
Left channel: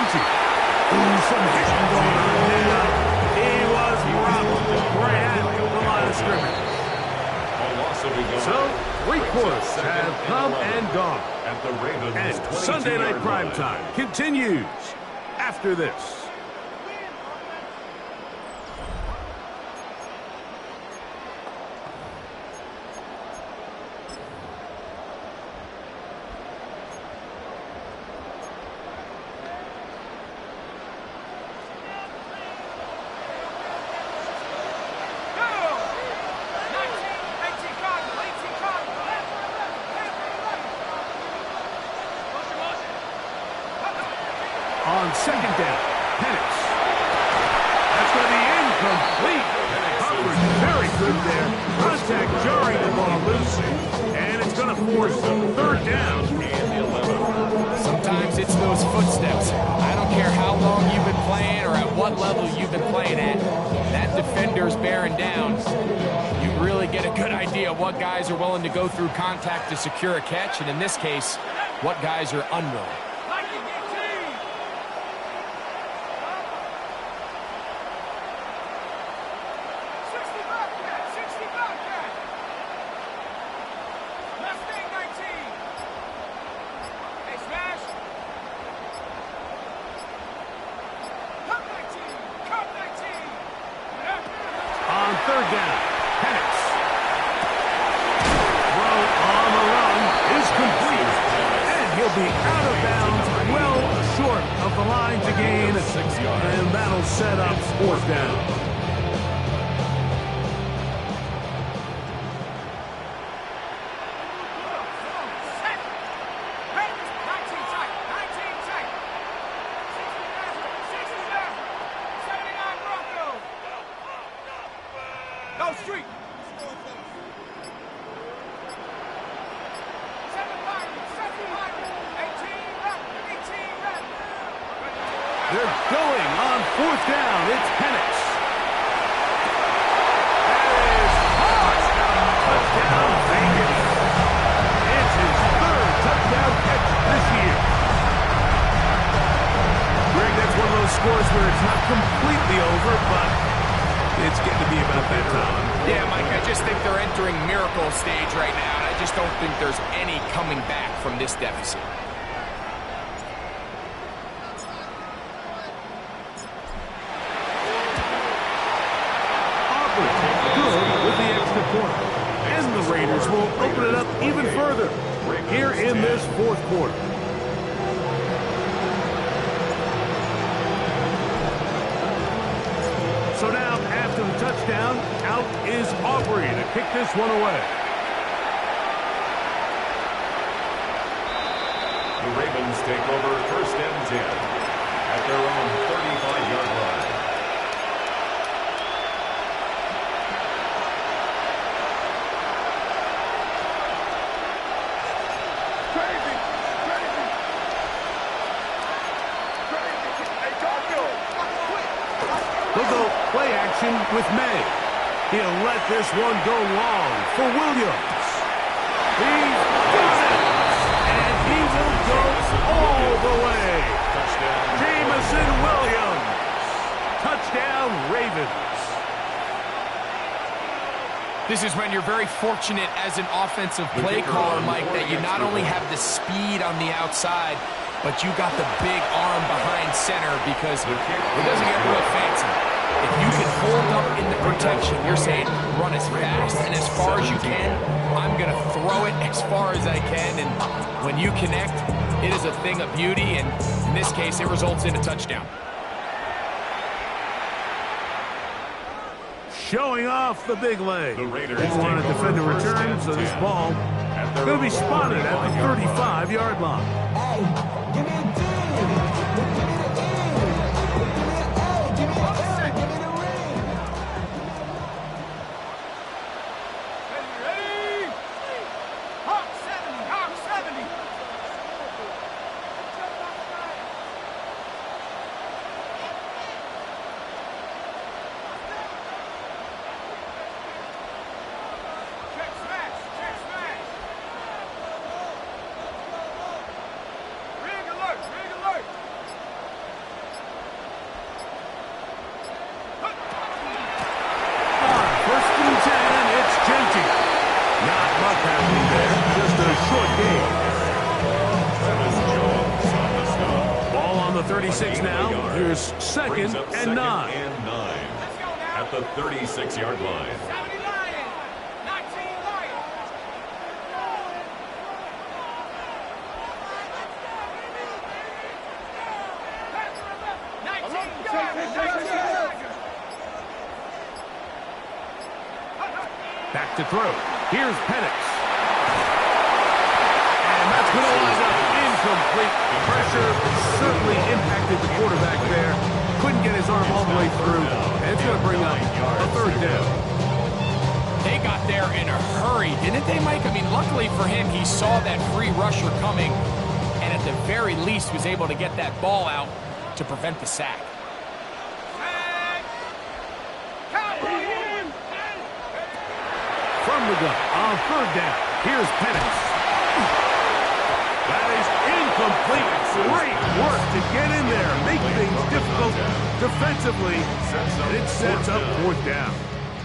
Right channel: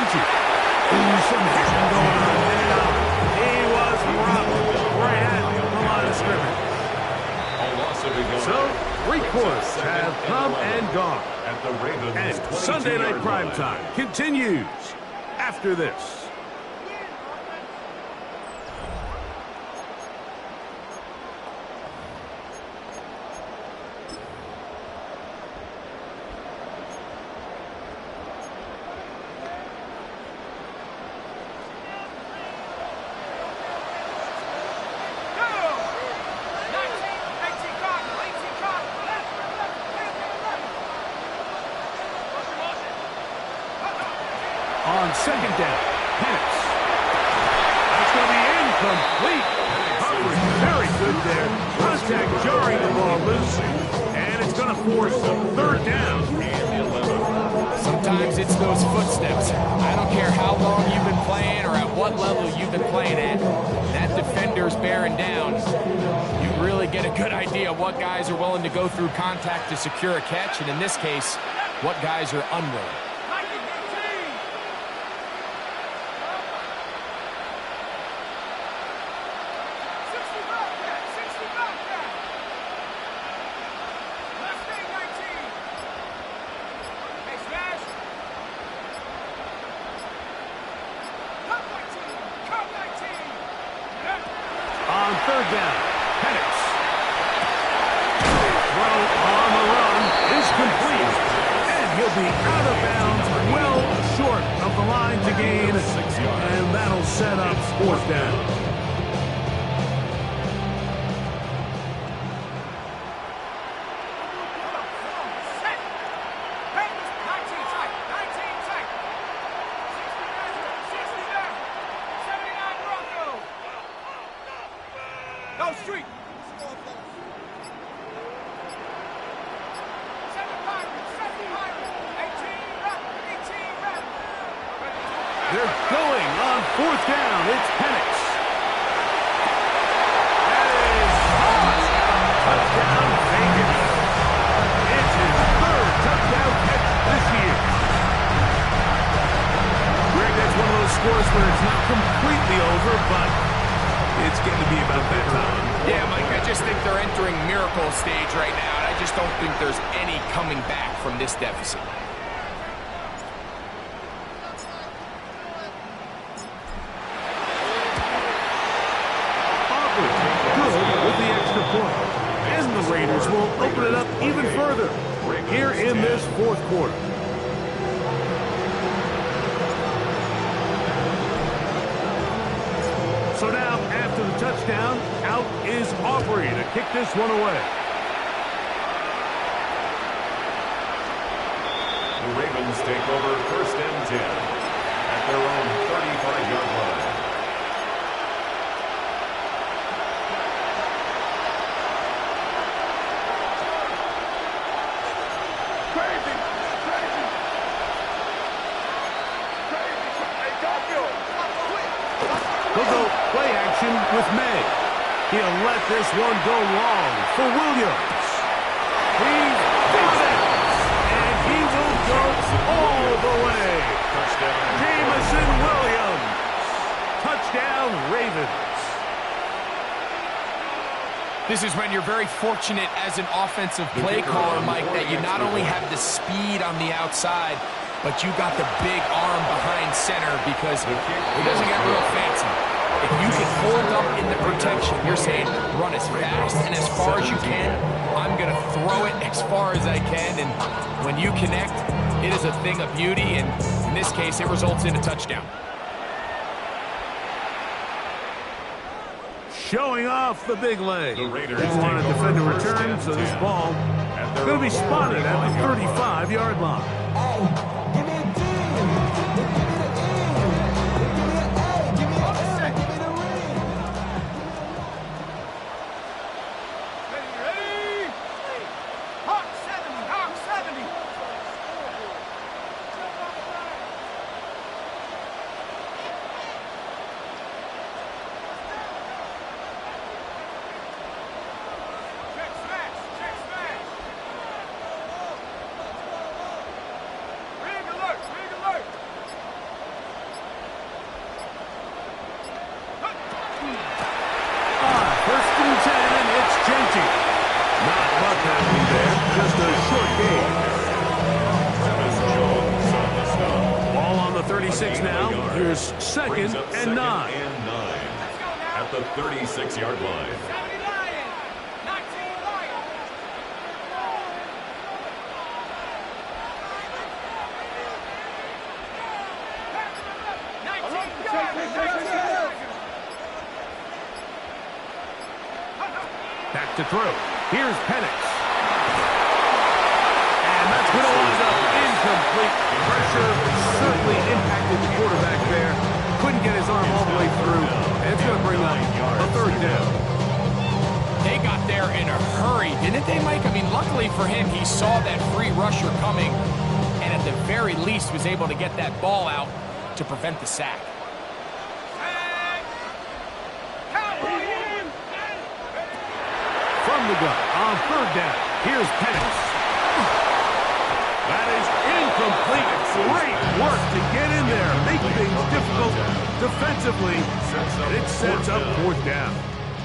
frenzy. Ooh, some hitting going on there. He was robbed right at the line of scrimmage. So, 3 quarters have come and gone. At the Ravens And Sunday Night Primetime continues after this. On second down, Penix. That's going to be incomplete. Coverage very good there. Contact jarring the ball loose. And it's going to force third down. Sometimes it's those footsteps. I don't care how long you've been playing or at what level you've been playing at. That defender's bearing down. You really get a good idea what guys are willing to go through contact to secure a catch, and in this case, what guys are unwilling. On third down, Penix. Throw on the run is complete. And he'll be out of bounds, well short of the line to gain. 6 yards. And that'll set up fourth down. Go street. They're going on fourth down. It's Penix. That is caught. Touchdown, Vegas. It's his third touchdown catch this year. Greg, that's one of those scores where it's not completely over, but it's getting to be about that time. Yeah, Mike, I just think they're entering miracle stage right now, and I just don't think there's any coming back from this deficit. Aubrey, good with the extra point. And the Raiders will open it up even further here in this fourth quarter. So now, after the touchdown, out is Aubrey to kick this one away. The Ravens take over first and 10 at their own 35-yard line. Crazy! Crazy! Crazy! Hey, Garfield! They'll go play action with May. He'll let this one go long for Williams. He's got it! And he will go all the way. Touchdown. Jameson Williams. Touchdown, Ravens. This is when you're very fortunate as an offensive play caller, Mike, that you not only have the speed on the outside, but you got the big arm behind center, because it doesn't get real fancy. If you can hold up in the protection, you're saying run as fast and as far as you can. I'm going to throw it as far as I can, and when you connect, it is a thing of beauty, and in this case, it results in a touchdown. Showing off the big leg. The Raiders They want to take defend a over first return, and so this 10 ball at their going to be own spotted at the 35-yard 35-yard line. Hey, give me a D. Give me the E. Give me an A. Give me an L. Give me the ring. Ready? Hawk 70, Hawk 70. Check smash, check smash. First and 10, it's JT. Not much happening there, just a short gain. Travis Jones on the stop. Ball on the 36 now. Here's second and 9. And 9 at the 36-yard line. 70 Lion, 19 Lion. Back to throw. Here's Penix. And that's going to wind up incomplete. Pressure certainly impacted the quarterback there. Couldn't get his arm all the way through. And it's going to bring up a third down. They got there in a hurry, didn't they, Mike? I mean, luckily for him, he saw that free rusher coming and at the very least was able to get that ball out to prevent the sack. From the gun on third down. Here's Penix. That is incomplete. Great work to get in there, make things difficult defensively, and it sets up fourth down.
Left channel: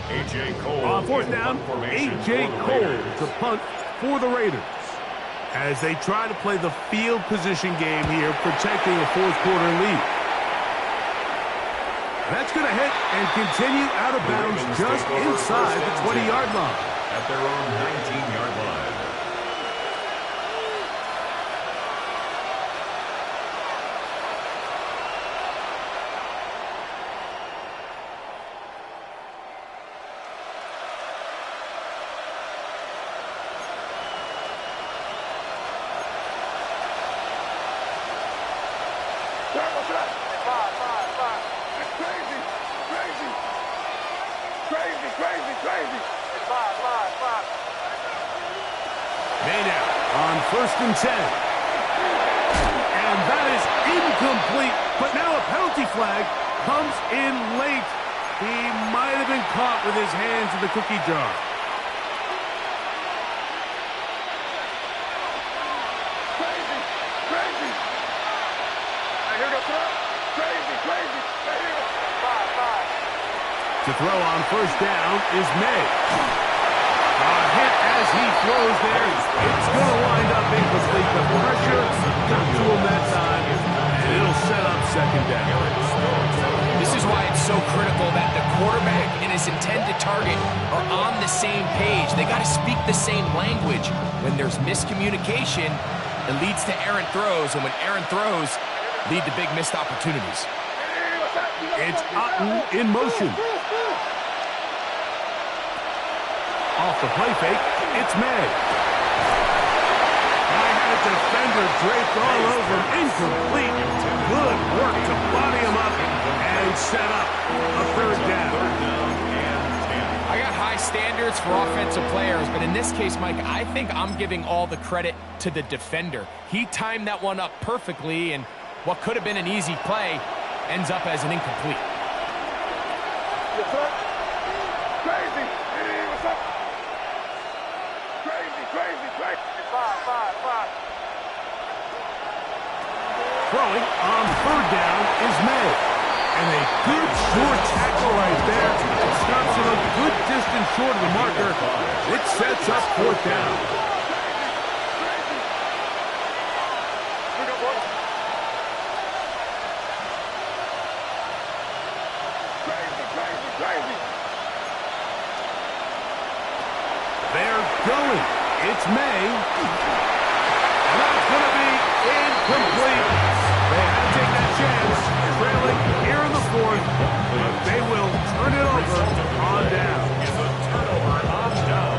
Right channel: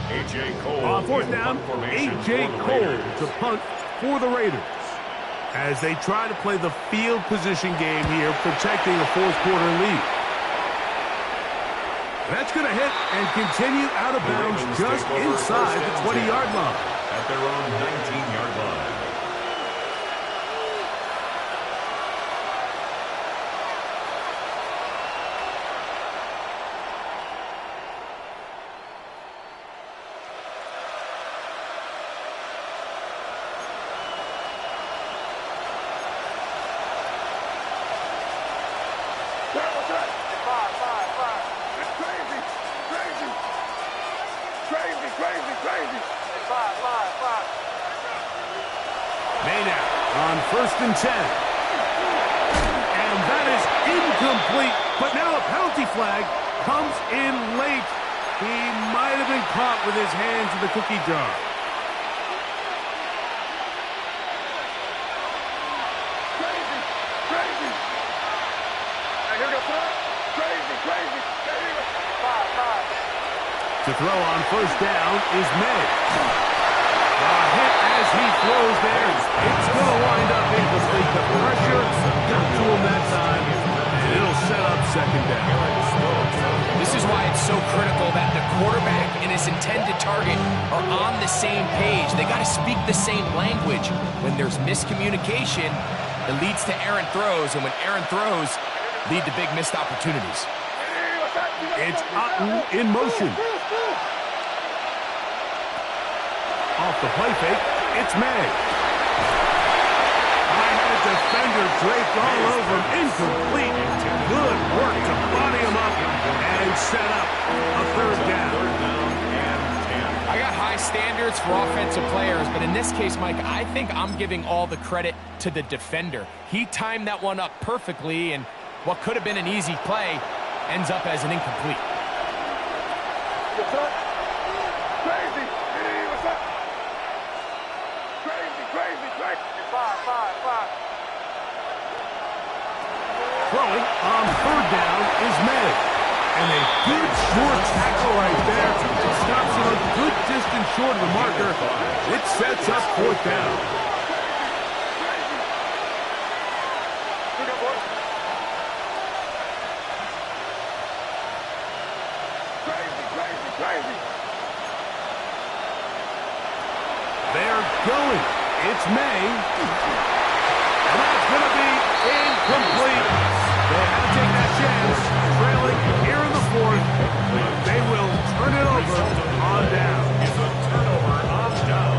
A.J. Cole On fourth in down, punt formation A.J. for the Cole Raiders. to punt for the Raiders. As they try to play the field position game here, protecting a fourth-quarter lead. That's going to hit and continue out of The bounds Ravens just take over inside first the and 20-yard 10 line. at their own 19-yard line. Maynard on first and 10. And that is incomplete, but now a penalty flag comes in late. He might have been caught with his hands in the cookie jar. To throw on first down is May. A hit as he throws there. It's going to wind up incomplete. The pressure got to him that time, and it'll set up second down. This is why it's so critical that the quarterback and his intended target are on the same page. They got to speak the same language. When there's miscommunication, it leads to errant throws, and when errant throws lead to big missed opportunities. It's Otten in motion. Off the play fake, it's May. I had a defender draped all over him. Incomplete. Good work to body him up and set up a third down. Third down and 10. I got high standards for offensive players, but in this case, Mike, I think I'm giving all the credit to the defender. He timed that one up perfectly, and what could have been an easy play ends up as an incomplete. Yes, sir. Crazy. Hey, what's up? Crazy. Five. Throwing on third down is May. And a good short tackle right there. Stops him a good distance short of the marker. It sets up fourth down. Look up, boys. Crazy. They're going. It's May. And that's going to be incomplete. They had to take that chance, trailing here in the fourth, but they will turn it over on down. It's a turnover on down.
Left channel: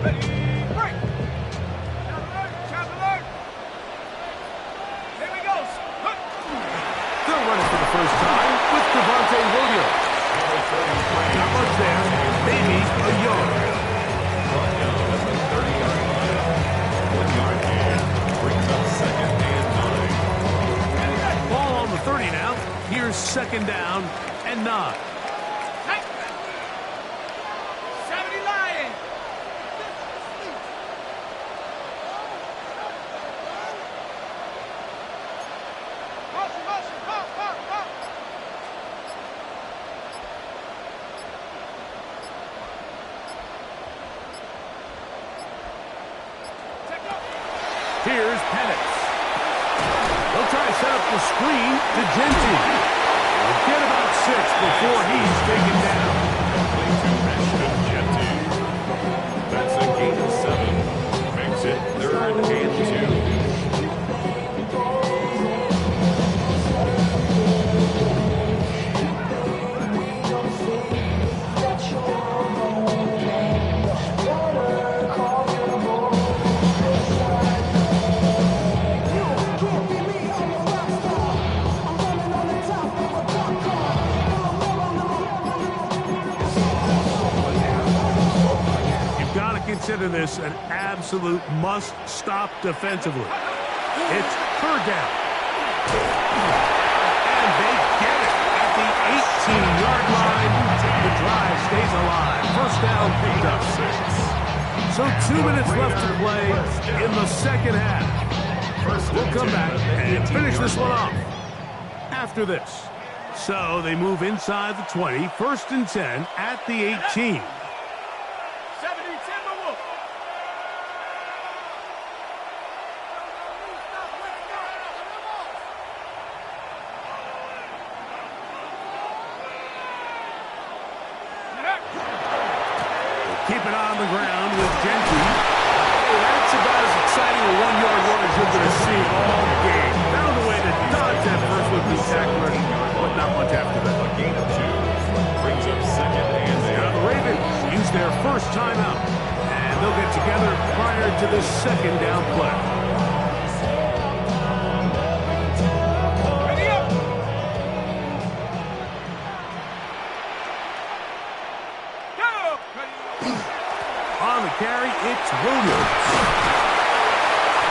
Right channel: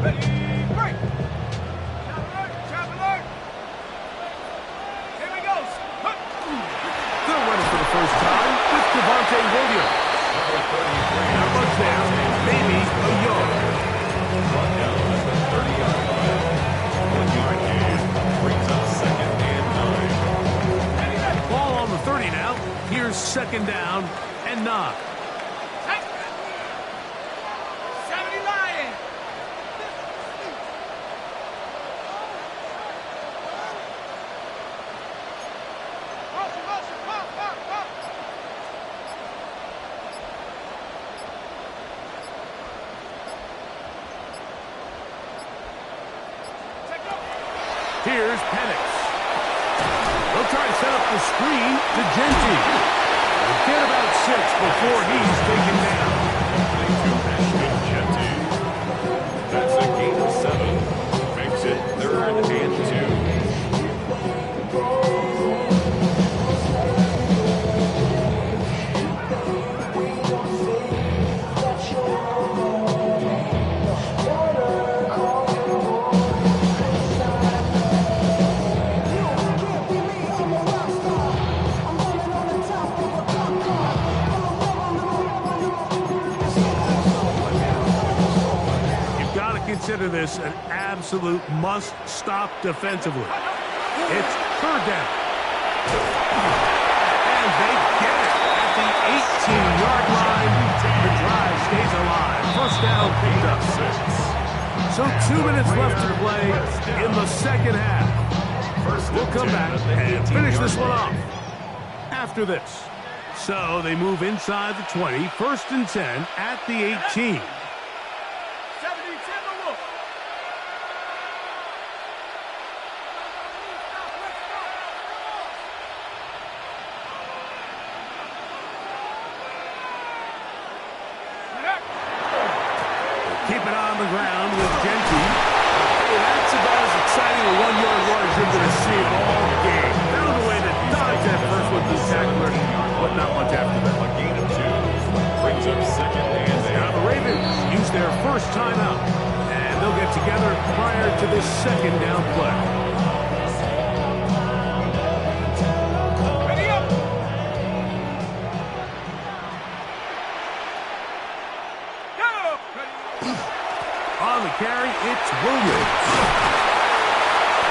Break. Chop alert. Here we go. They'll run it for the first time with Devontae Williams. Number 33. Not much there, maybe a yard. Brought down at the 30-yard line. 1 yard gain brings up second and 9. Ball on the 30 now. Here's second down and 9. 70 Lion. Motion. Pop. Here's Penix. They'll try to set up the screen to Genty. We'll get about 6 before he's taken down. Complete to Ashton Genty. That's a gain of 7. Makes it 3rd and 2. Consider this an absolute must-stop defensively. It's 3rd down. And they get it at the 18-yard line. The drive stays alive. 1st down picked up. So 2 minutes left to play in the 2nd half. We'll come back and finish this one off after this. So they move inside the 20, 1st and 10 at the 18. Keep it on the ground with Genty. Hey, that's about as exciting a 1-yard run as you're going to see all game. Found a way to dodge that first with the tackler, but not much after that. A gain of 2 brings up 2nd and 8. Now the Ravens use their first timeout, and they'll get together prior to this 2nd down play. On the carry, it's Williams.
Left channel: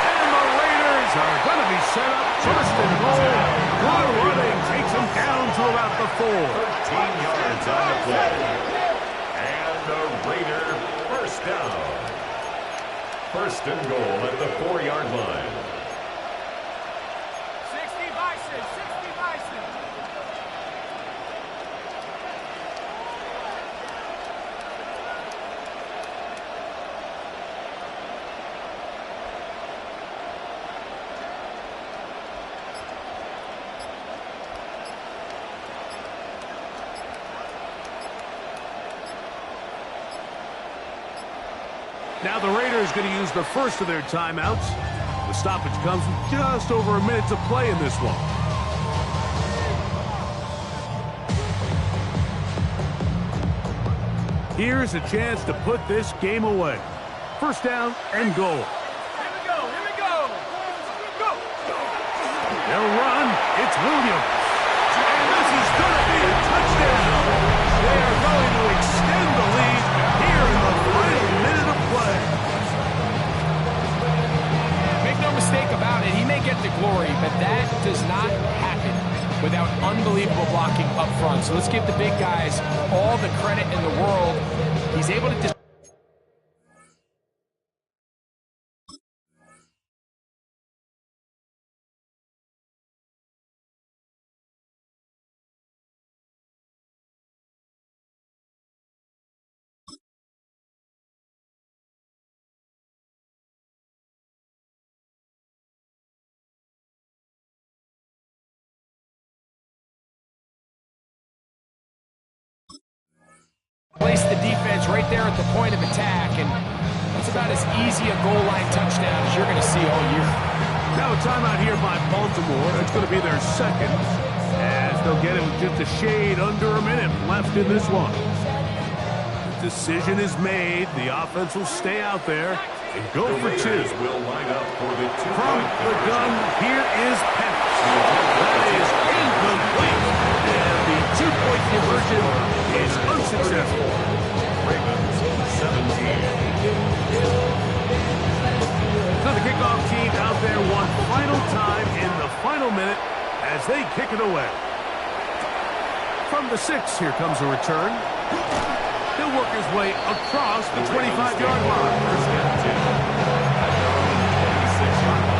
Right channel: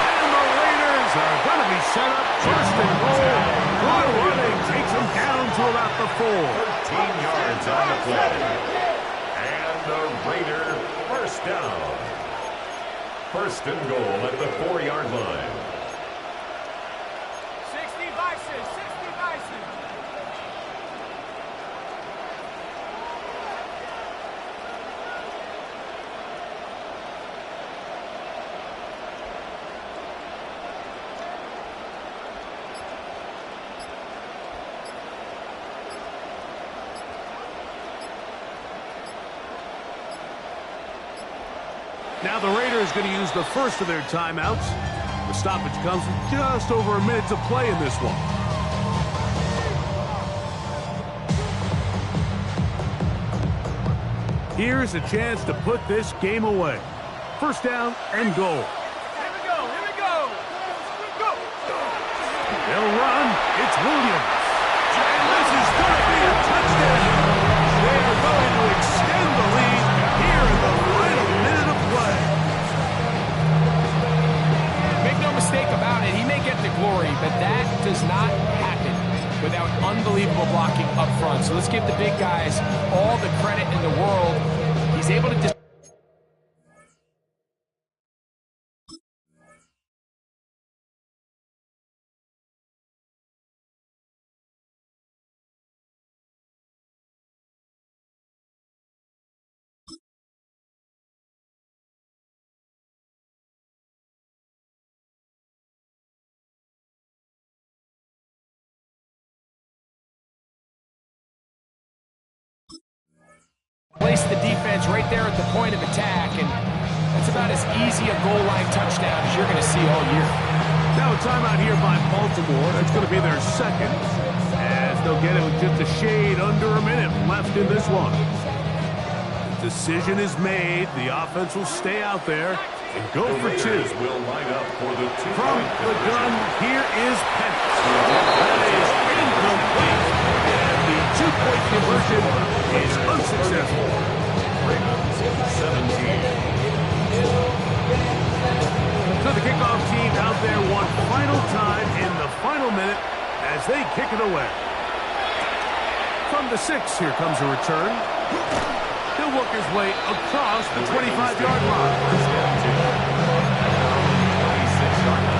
And the Raiders are going to be set up 1st and goal. Good running takes them down to about the 4. 13 yards on the play. And the Raider 1st down. 1st and goal at the 4-yard line. 60 Bison, 60 Bison. Now the Raiders going to use the first of their timeouts. The stoppage comes with just over a minute to play in this one. Here's a chance to put this game away. 1st down and goal. Here we go, here we go. Go. They'll run. It's Williams. And this is going to be a touchdown. They are going to extend the lead here in the final minute of play. Make no mistake about it, he may get the glory, but that does not happen without unbelievable blocking up front. So let's give the big guys all the credit in the world. He's able to place the defense right there at the point of attack, and that's about as easy a goal line touchdown as you're going to see all year. Now a timeout here by Baltimore. That's going to be their 2nd, as they'll get it with just a shade under a minute left in this one. The decision is made. The offense will stay out there and go for 2. Will line up for the 2 From the gun, here is Penix. That is incomplete, and the 2-point conversion is unsuccessful. Ravens 17. So the kickoff team out there one final time in the final minute as they kick it away. From the 6, here comes a return. He'll work his way across the 25-yard line. 1st and 10 at their own 26-yard line.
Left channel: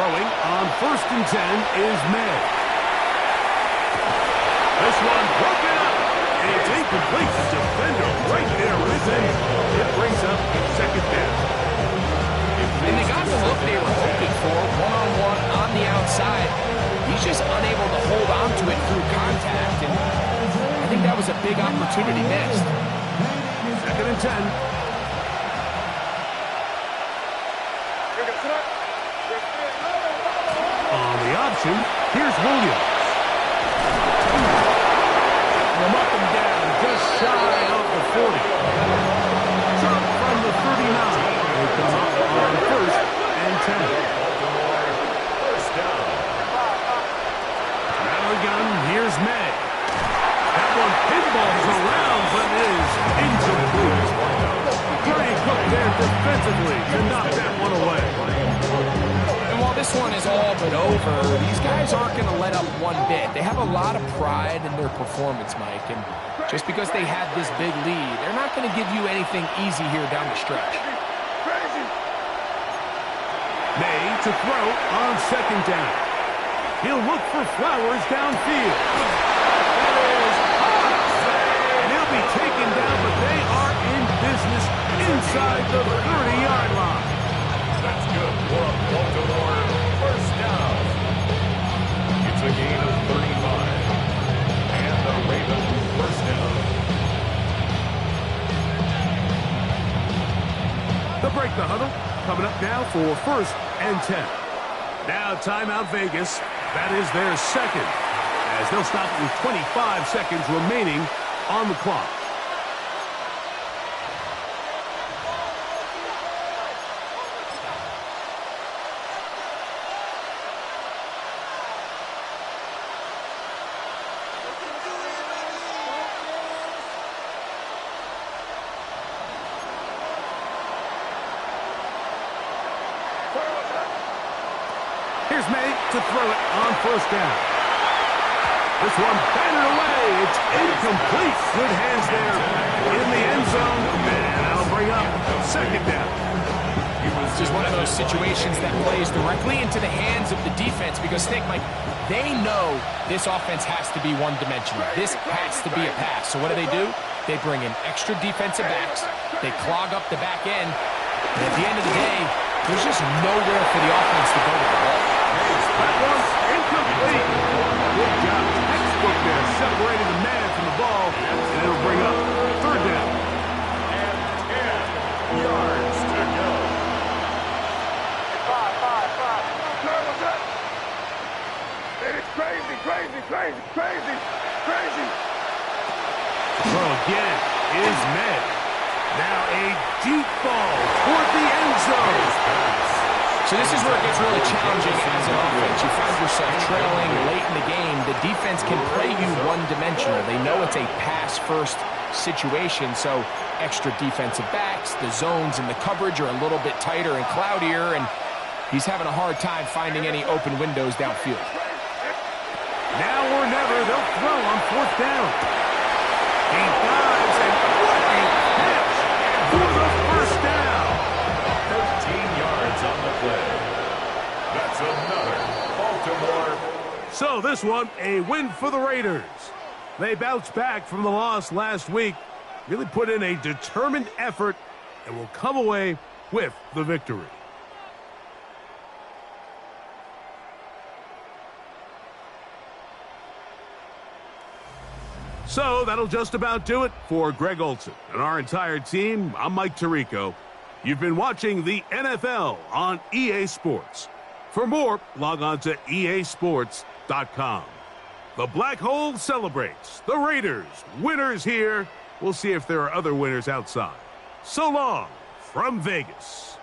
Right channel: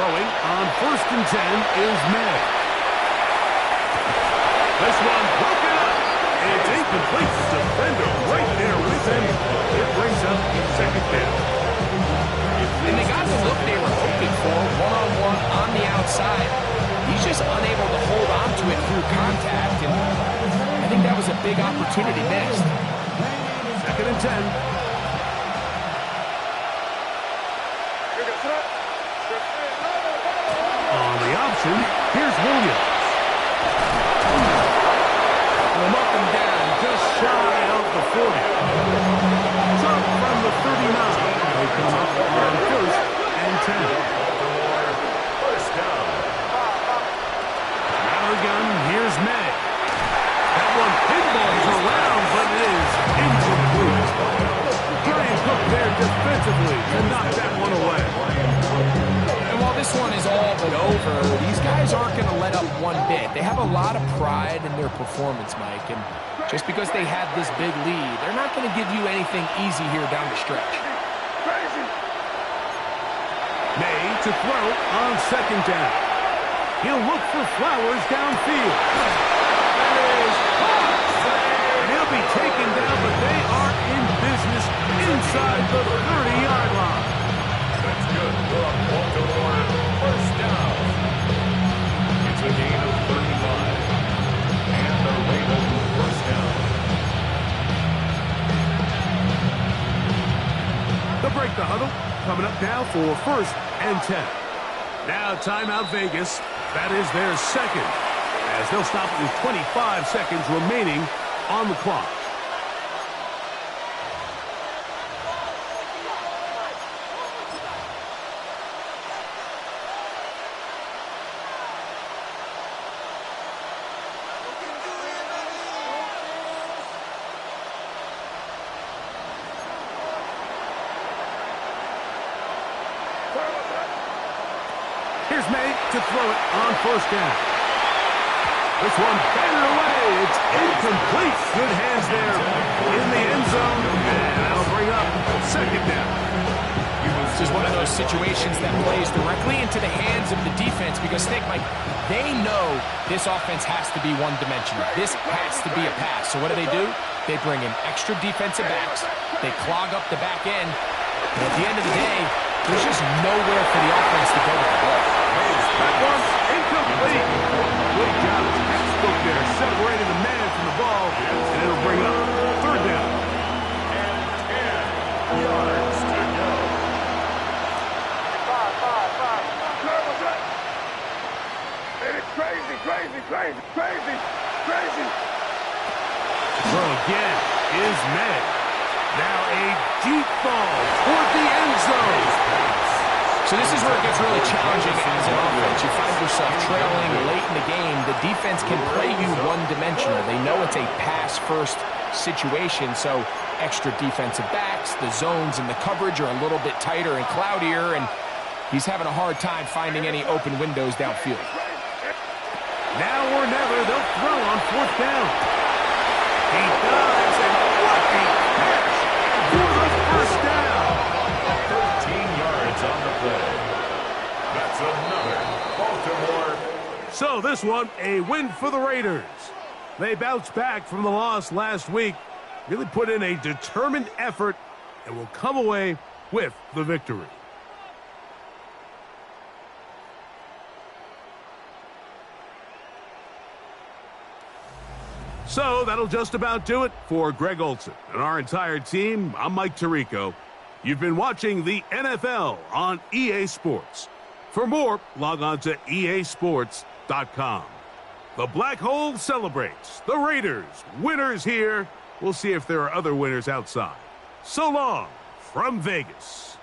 Throwing on 1st and 10 is May. This one broken up. It's incomplete. The defender right there with him. It brings up 2nd down. And they got the look they were hoping for, one-on-one on the outside. He's just unable to hold on to it through contact, and I think that was a big opportunity missed. 2nd and 10. On the option, here's Williams. From up and down, just shy of the 40. Trump from the 39. They come up on 1st and 10. Baltimore, first down. Out of the gun, here's May. That one pinballs around, but it is incomplete. Brian Cook there defensively to knock that one away. And while this one is all but over, these guys aren't going to let up one bit. They have a lot of pride in their performance, Mike, and just because they had this big lead, they're not going to give you anything easy here down the stretch. May to throw on 2nd down. He'll look for Flowers downfield. That is hot. And he'll be taken down, but they are in business inside the 30-yard line. That's good for a Baltimore first down. It's a gain of 35. And the Ravens first down. They'll break the huddle. Coming up now for 1st and 10. Now timeout Vegas. That is their 2nd, as they'll stop with 25 seconds remaining on the clock. Here's May to throw it on 1st down. This one batted away. It's incomplete. Good hands there in the end zone. And that'll bring up 2nd down. This is one of those situations that plays directly into the hands of the defense because, think, Mike, they know this offense has to be one-dimensional. This has to be a pass. So what do? They bring in extra defensive backs. They clog up the back end. And at the end of the day, there's just nowhere for the offense to go with the ball. That one's incomplete. Good job. Textbook there, separating the man from the ball, and it'll bring up 3rd down. And 10 yards to go. 5. What's that? It's crazy. Throw again is May. Now a deep ball toward the end zone. So this is where it gets really challenging as an offense. You find yourself trailing late in the game. The defense can play you one-dimensional. They know it's a pass-first situation, so extra defensive backs, the zones and the coverage are a little bit tighter and cloudier, and he's having a hard time finding any open windows downfield. Now or never, they'll throw on 4th down. He dives, and what a catch for the 1st down. 13 yards on the play. That's another Baltimore. So this one, a win for the Raiders. They bounced back from the loss last week, really put in a determined effort, and will come away with the victory. So that'll just about do it for Greg Olsen and our entire team. I'm Mike Tirico. You've been watching the NFL on EA Sports. For more, log on to easports.com. The Black Hole celebrates. The Raiders, winners here. We'll see if there are other winners outside. So long from Vegas.